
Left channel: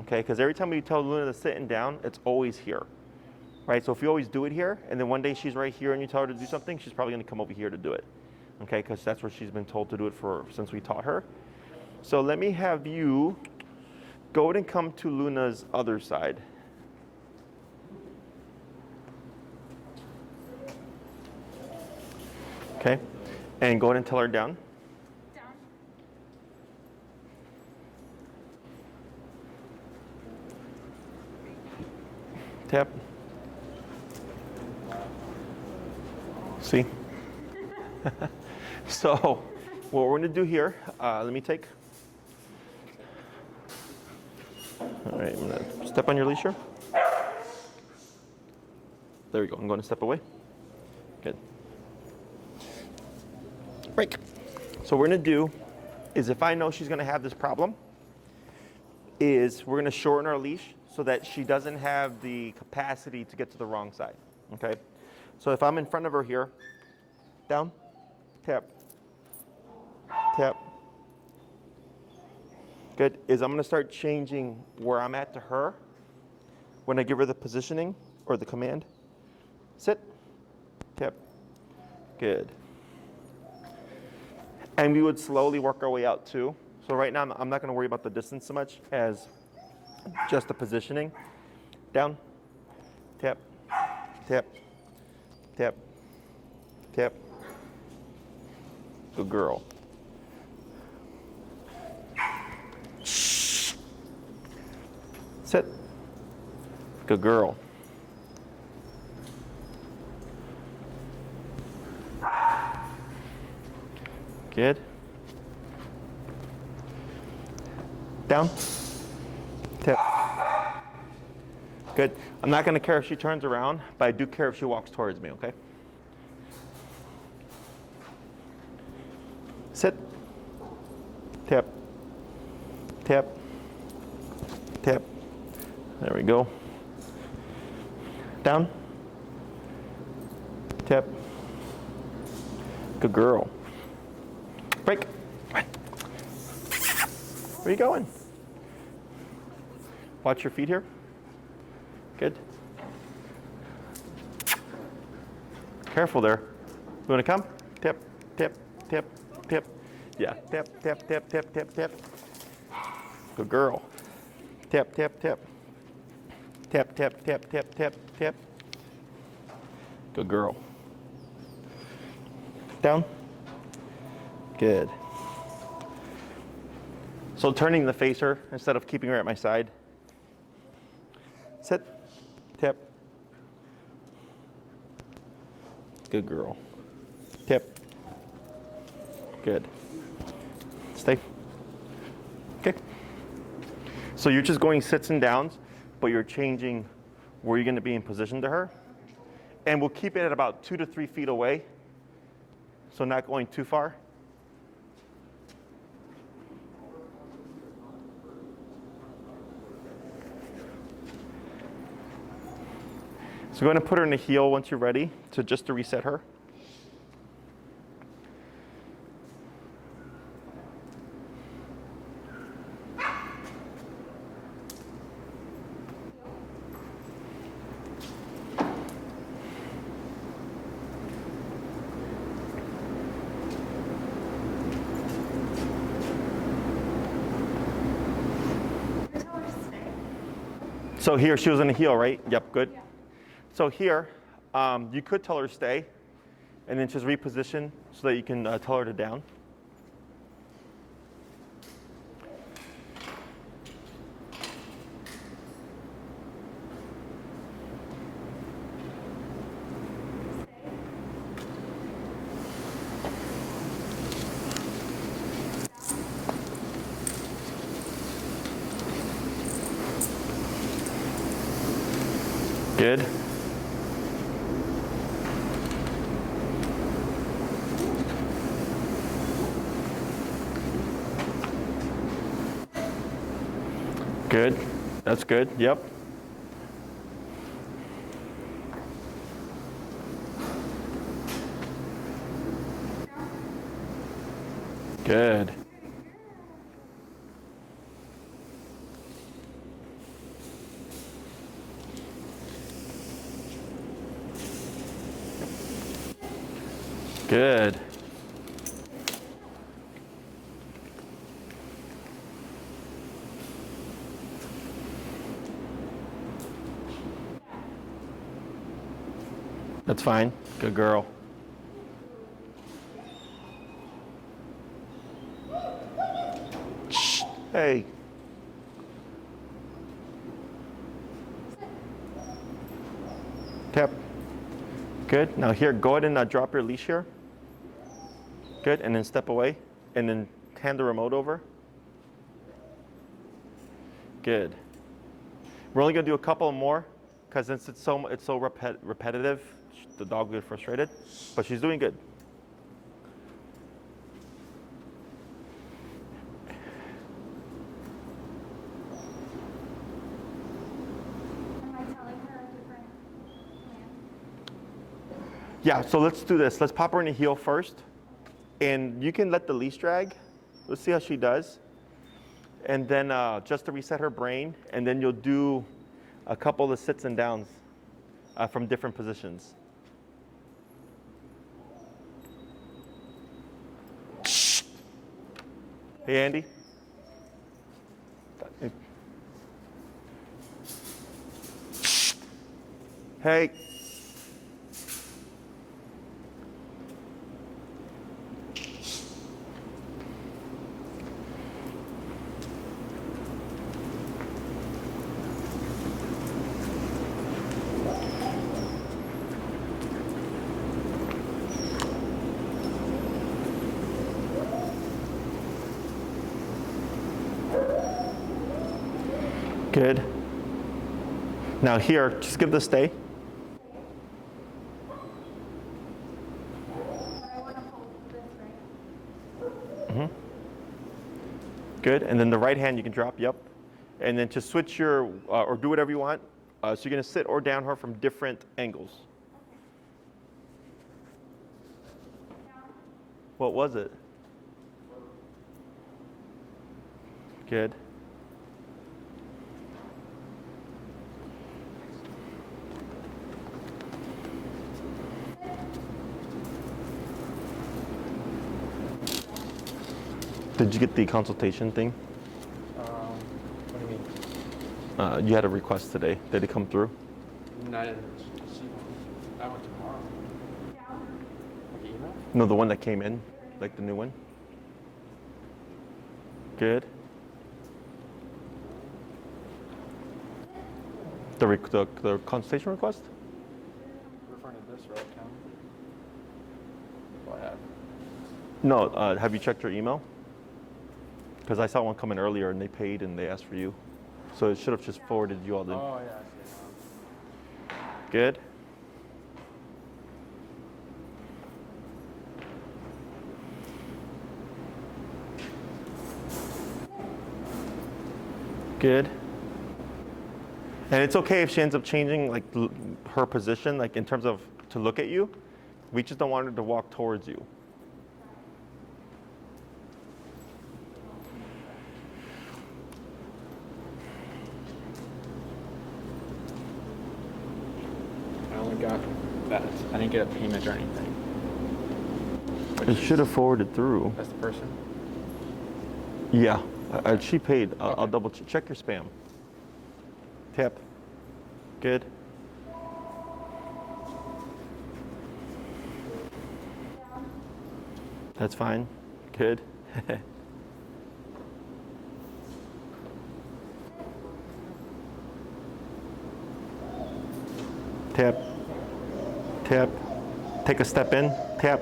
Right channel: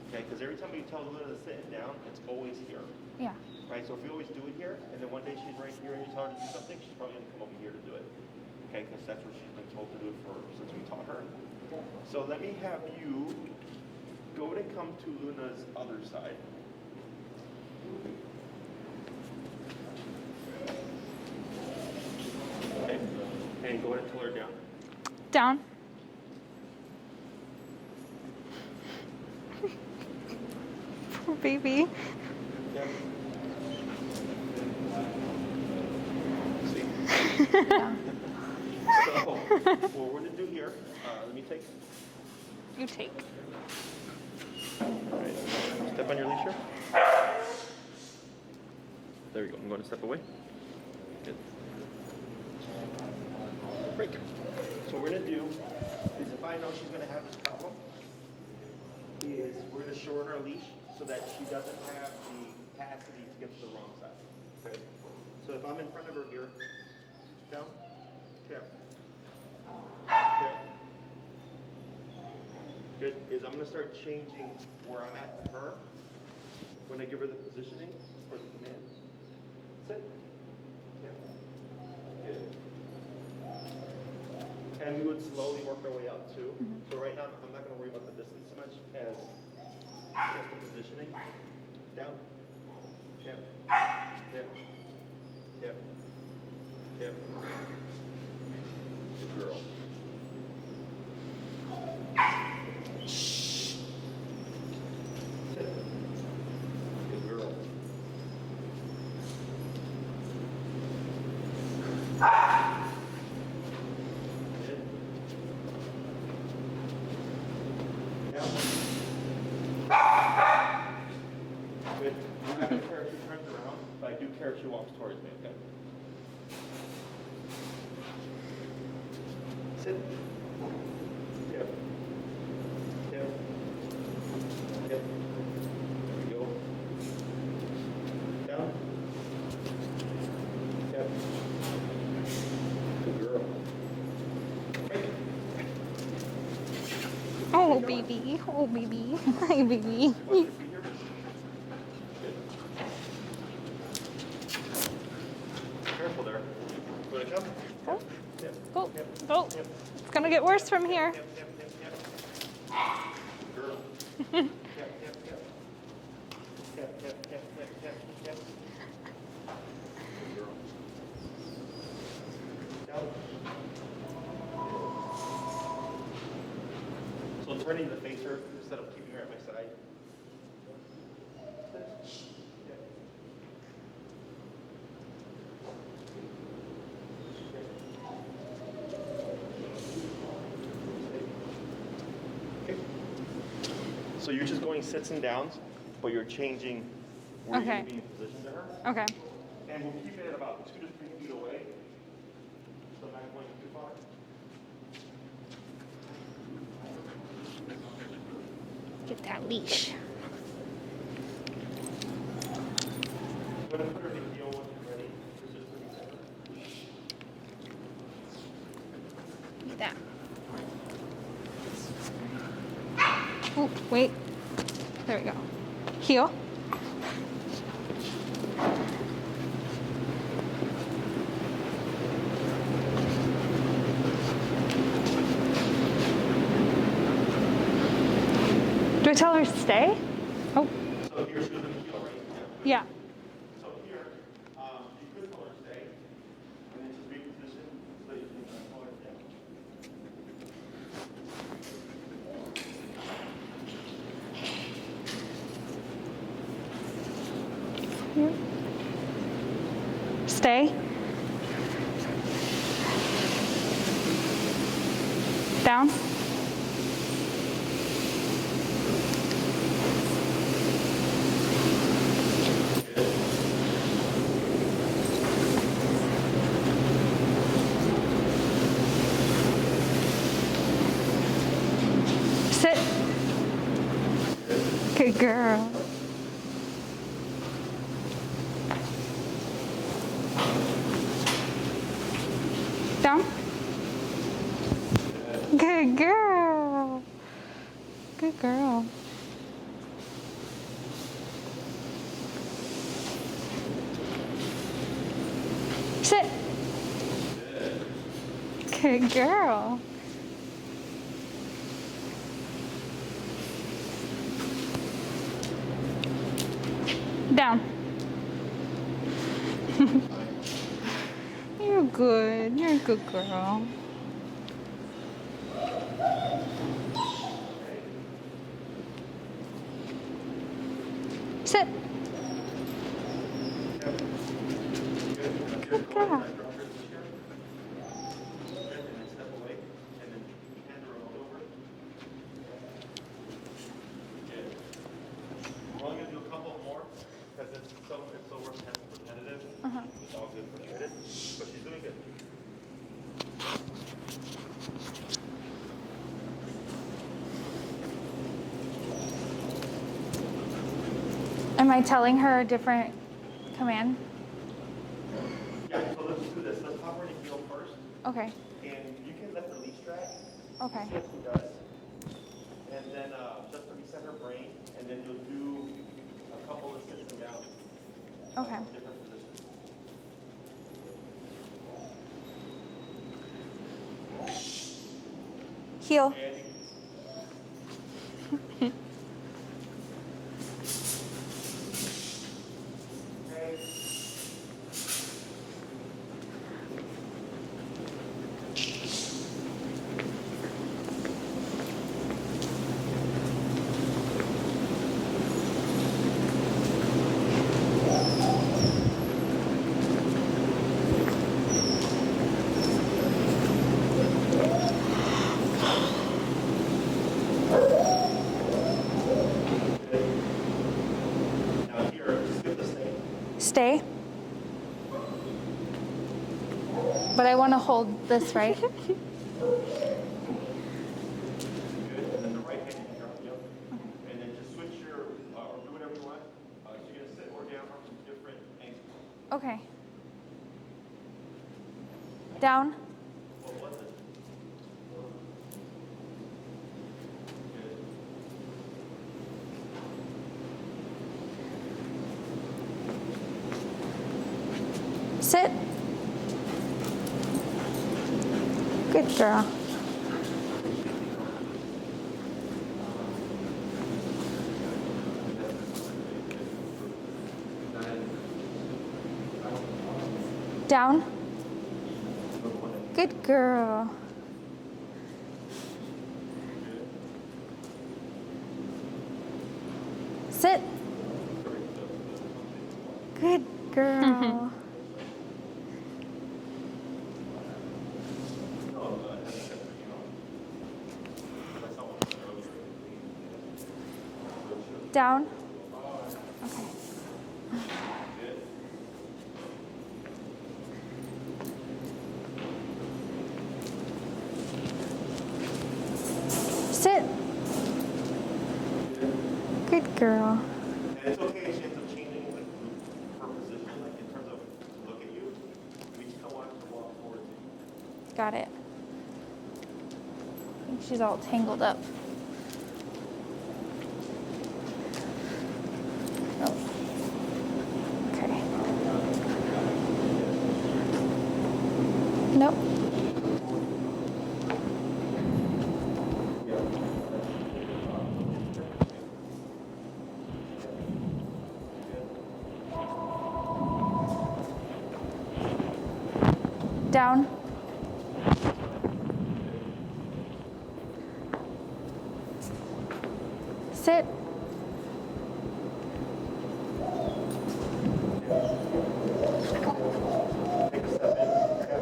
okay? Because every time we tell Luna to sit and down, it's always here, Yeah. right? So if you always do it here, and then one day she's right here and you tell her to do something, she's probably gonna come over here to do it, okay? Because that's where she's been told to do it since we taught her. So let me have you go ahead and come to Luna's other side. Okay, and go ahead and tell her down. Down. Poor baby. Tap. See? So, what we're gonna do here, let me take. You take. All right, step on your leash here. There we go, I'm going to step away. break. So what we're gonna do is, if I know she's gonna have this problem, is we're gonna shorten our leash so that she doesn't have the capacity to get to the wrong side, okay? So if I'm in front of her here, down, tap, tap. Good, is I'm gonna start changing where I'm at to her when I give her the positioning or the command. Sit, tap, good. And we would slowly work our way out too. So right now, I'm not gonna worry about the distance so much as just the positioning. Down, tap, tap, tap, tap. Good girl. Sit. Good girl. Good. Down. Tap. Good. I'm not going to care if she turns around, but I do care if she walks towards me, okay? Sit. Tap. Tap. Tap. There we go. Down. Tap. Good girl. Break. Right. Oh, Where you going? baby. Oh, baby. Hi, baby. Watch your feet here. Good. Careful there. You want to come? Tap, tap, Oh, tap, oh. tap. It's gonna get worse tap, from tap, here. Tap, tap, tap, tap. Good girl. Tap, tap, tap. Tap, tap, tap, tap, tap, tap. Good girl. Down. Good. So turning the facer instead of keeping her at my side. Sit. Tap. Good girl. Tap. Good. Stay. Okay. So you're just going sits and downs, but you're changing where you're going to Okay. be in position to her. Okay. And we'll keep it at about 2 to 3 feet away. So not going too far. Get that leash. So we're going to put her in a heel once you're ready, just to reset her. Like that. Oh, wait. There we go. Heel. Do I tell her to stay? Oh, So here, she was in a heel, right? Yep, good. yeah. So here, you could tell her to stay, and then just reposition so that you can tell her to down. Stay. Down. Good. Sit. Good. Good That's girl. good. Yep. Down. Good. Good girl. Good girl. Sit. Good. Good girl. Down. That's fine. Good girl. You're good. You're a good girl. Hey. Sit. Tap. Good. Now here, go ahead and drop your leash here. Good. And then step away. And then hand the remote over. Good. We're only going to do a couple more because it's so repetitive. The dog will get frustrated. But she's doing good. I telling her a different command? Yeah, so let's do this. Let's pop her in the heel first. Okay. And you can let the leash drag. Let's Okay. see how she does. And then just to reset her brain, and then you'll do a couple of sits and downs Okay. from different positions. Heel. Hey, Andy. Hey. Good. Now here, just give the stay. Stay. But I want to hold this, right? Good. And then the right hand you can drop, yep. And then to switch your, or do whatever you want. So you're going to sit or down her from different angles. Okay. Down. What was it? Good. Sit. Good girl. Did you get the consultation thing? You had a request today. Did it come through? Down. No, the one that came Good in. Like girl. the new one. Good. Sit. The consultation request? Good girl. No, have you checked your email? Because I saw one come in earlier and they paid and they asked for you. So it should have just Down. forwarded you all the. Oh, yeah. Good. Sit. Good. Good girl. And it's okay if she ends up changing like her position, like in terms of to look at you. We just don't want her to walk towards you. Got it. I think she's all tangled up. Oh. Okay. I didn't get a payment or anything. Nope. It should have forwarded through. That's the first one. Yeah, she paid. I'll double check your spam. Tap. Good. Down. That's fine. Good. Sit. Tap. Tap. Take a step in. Tap.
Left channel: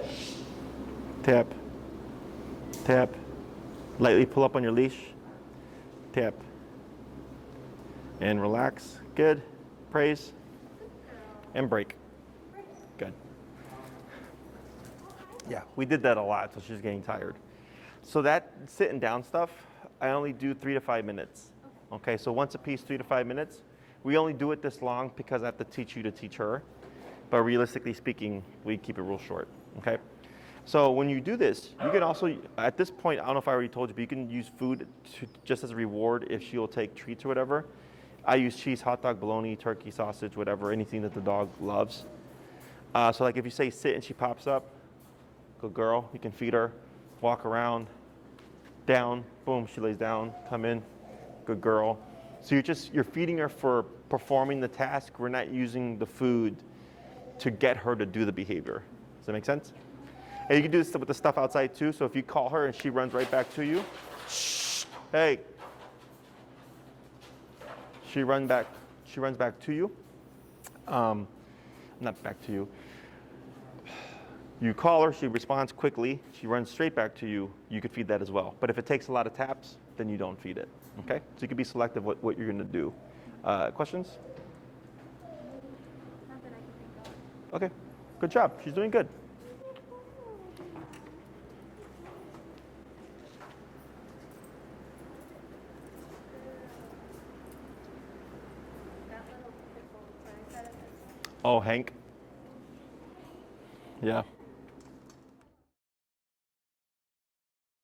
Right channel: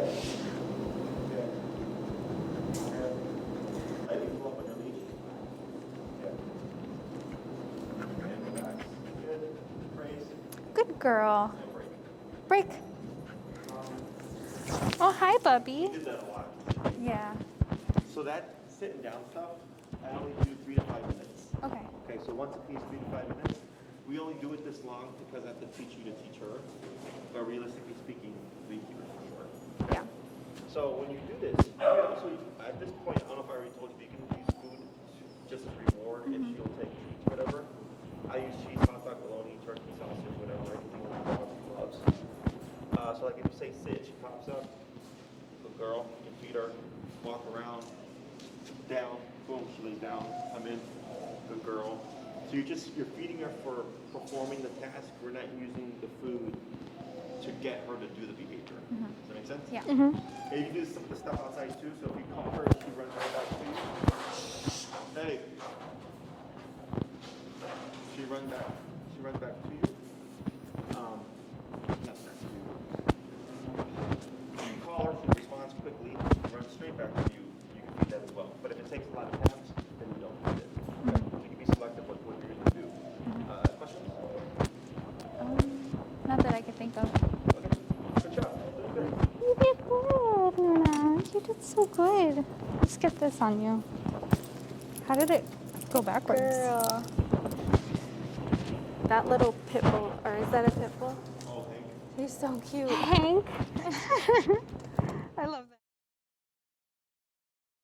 Tap. Tap. Lightly pull up on your leash. Tap. And relax. Good. Praise. Good girl. And break. Break. Good. Oh, hi, Yeah, Bubby. we did that a lot, so she's getting Yeah. tired. So that sitting down stuff, I only do 3 to 5 minutes. Okay. Okay, so once a piece, 3 to 5 minutes. We only do it this long because I have to teach you to teach her. But realistically speaking, we keep it real short. Okay. Yeah. So when you do this, you can also, at this point, I don't know if I already told you, but you can use food just as a reward if she'll take treats or whatever. I use cheese, hot dog, bologna, turkey, sausage, whatever, anything that the dog loves. So like if you say sit and she pops up, good girl, you can feed her, walk around, down, boom, she lays down, come in, good girl. So you're feeding her for performing the task. We're not using the food to get her to do the behavior. Does that make sense? Yeah. And you can do this with the stuff outside too. So if you call her and she runs right back to you, shh, hey. She runs back to you. Not back to you. You call her, she responds quickly, she runs straight back to you, you could feed that as well. But if it takes a lot of taps, then you don't feed it. Okay? So you can be selective what you're gonna do. Questions? Not that I can think of. Okay, good job, she's doing good. You did good, Luna. You did so good. Let's get this on you. How did it go backwards? Girl. that little pit bull, or is that a pit bull? Oh, Hank. He's so cute. Hank. Yeah.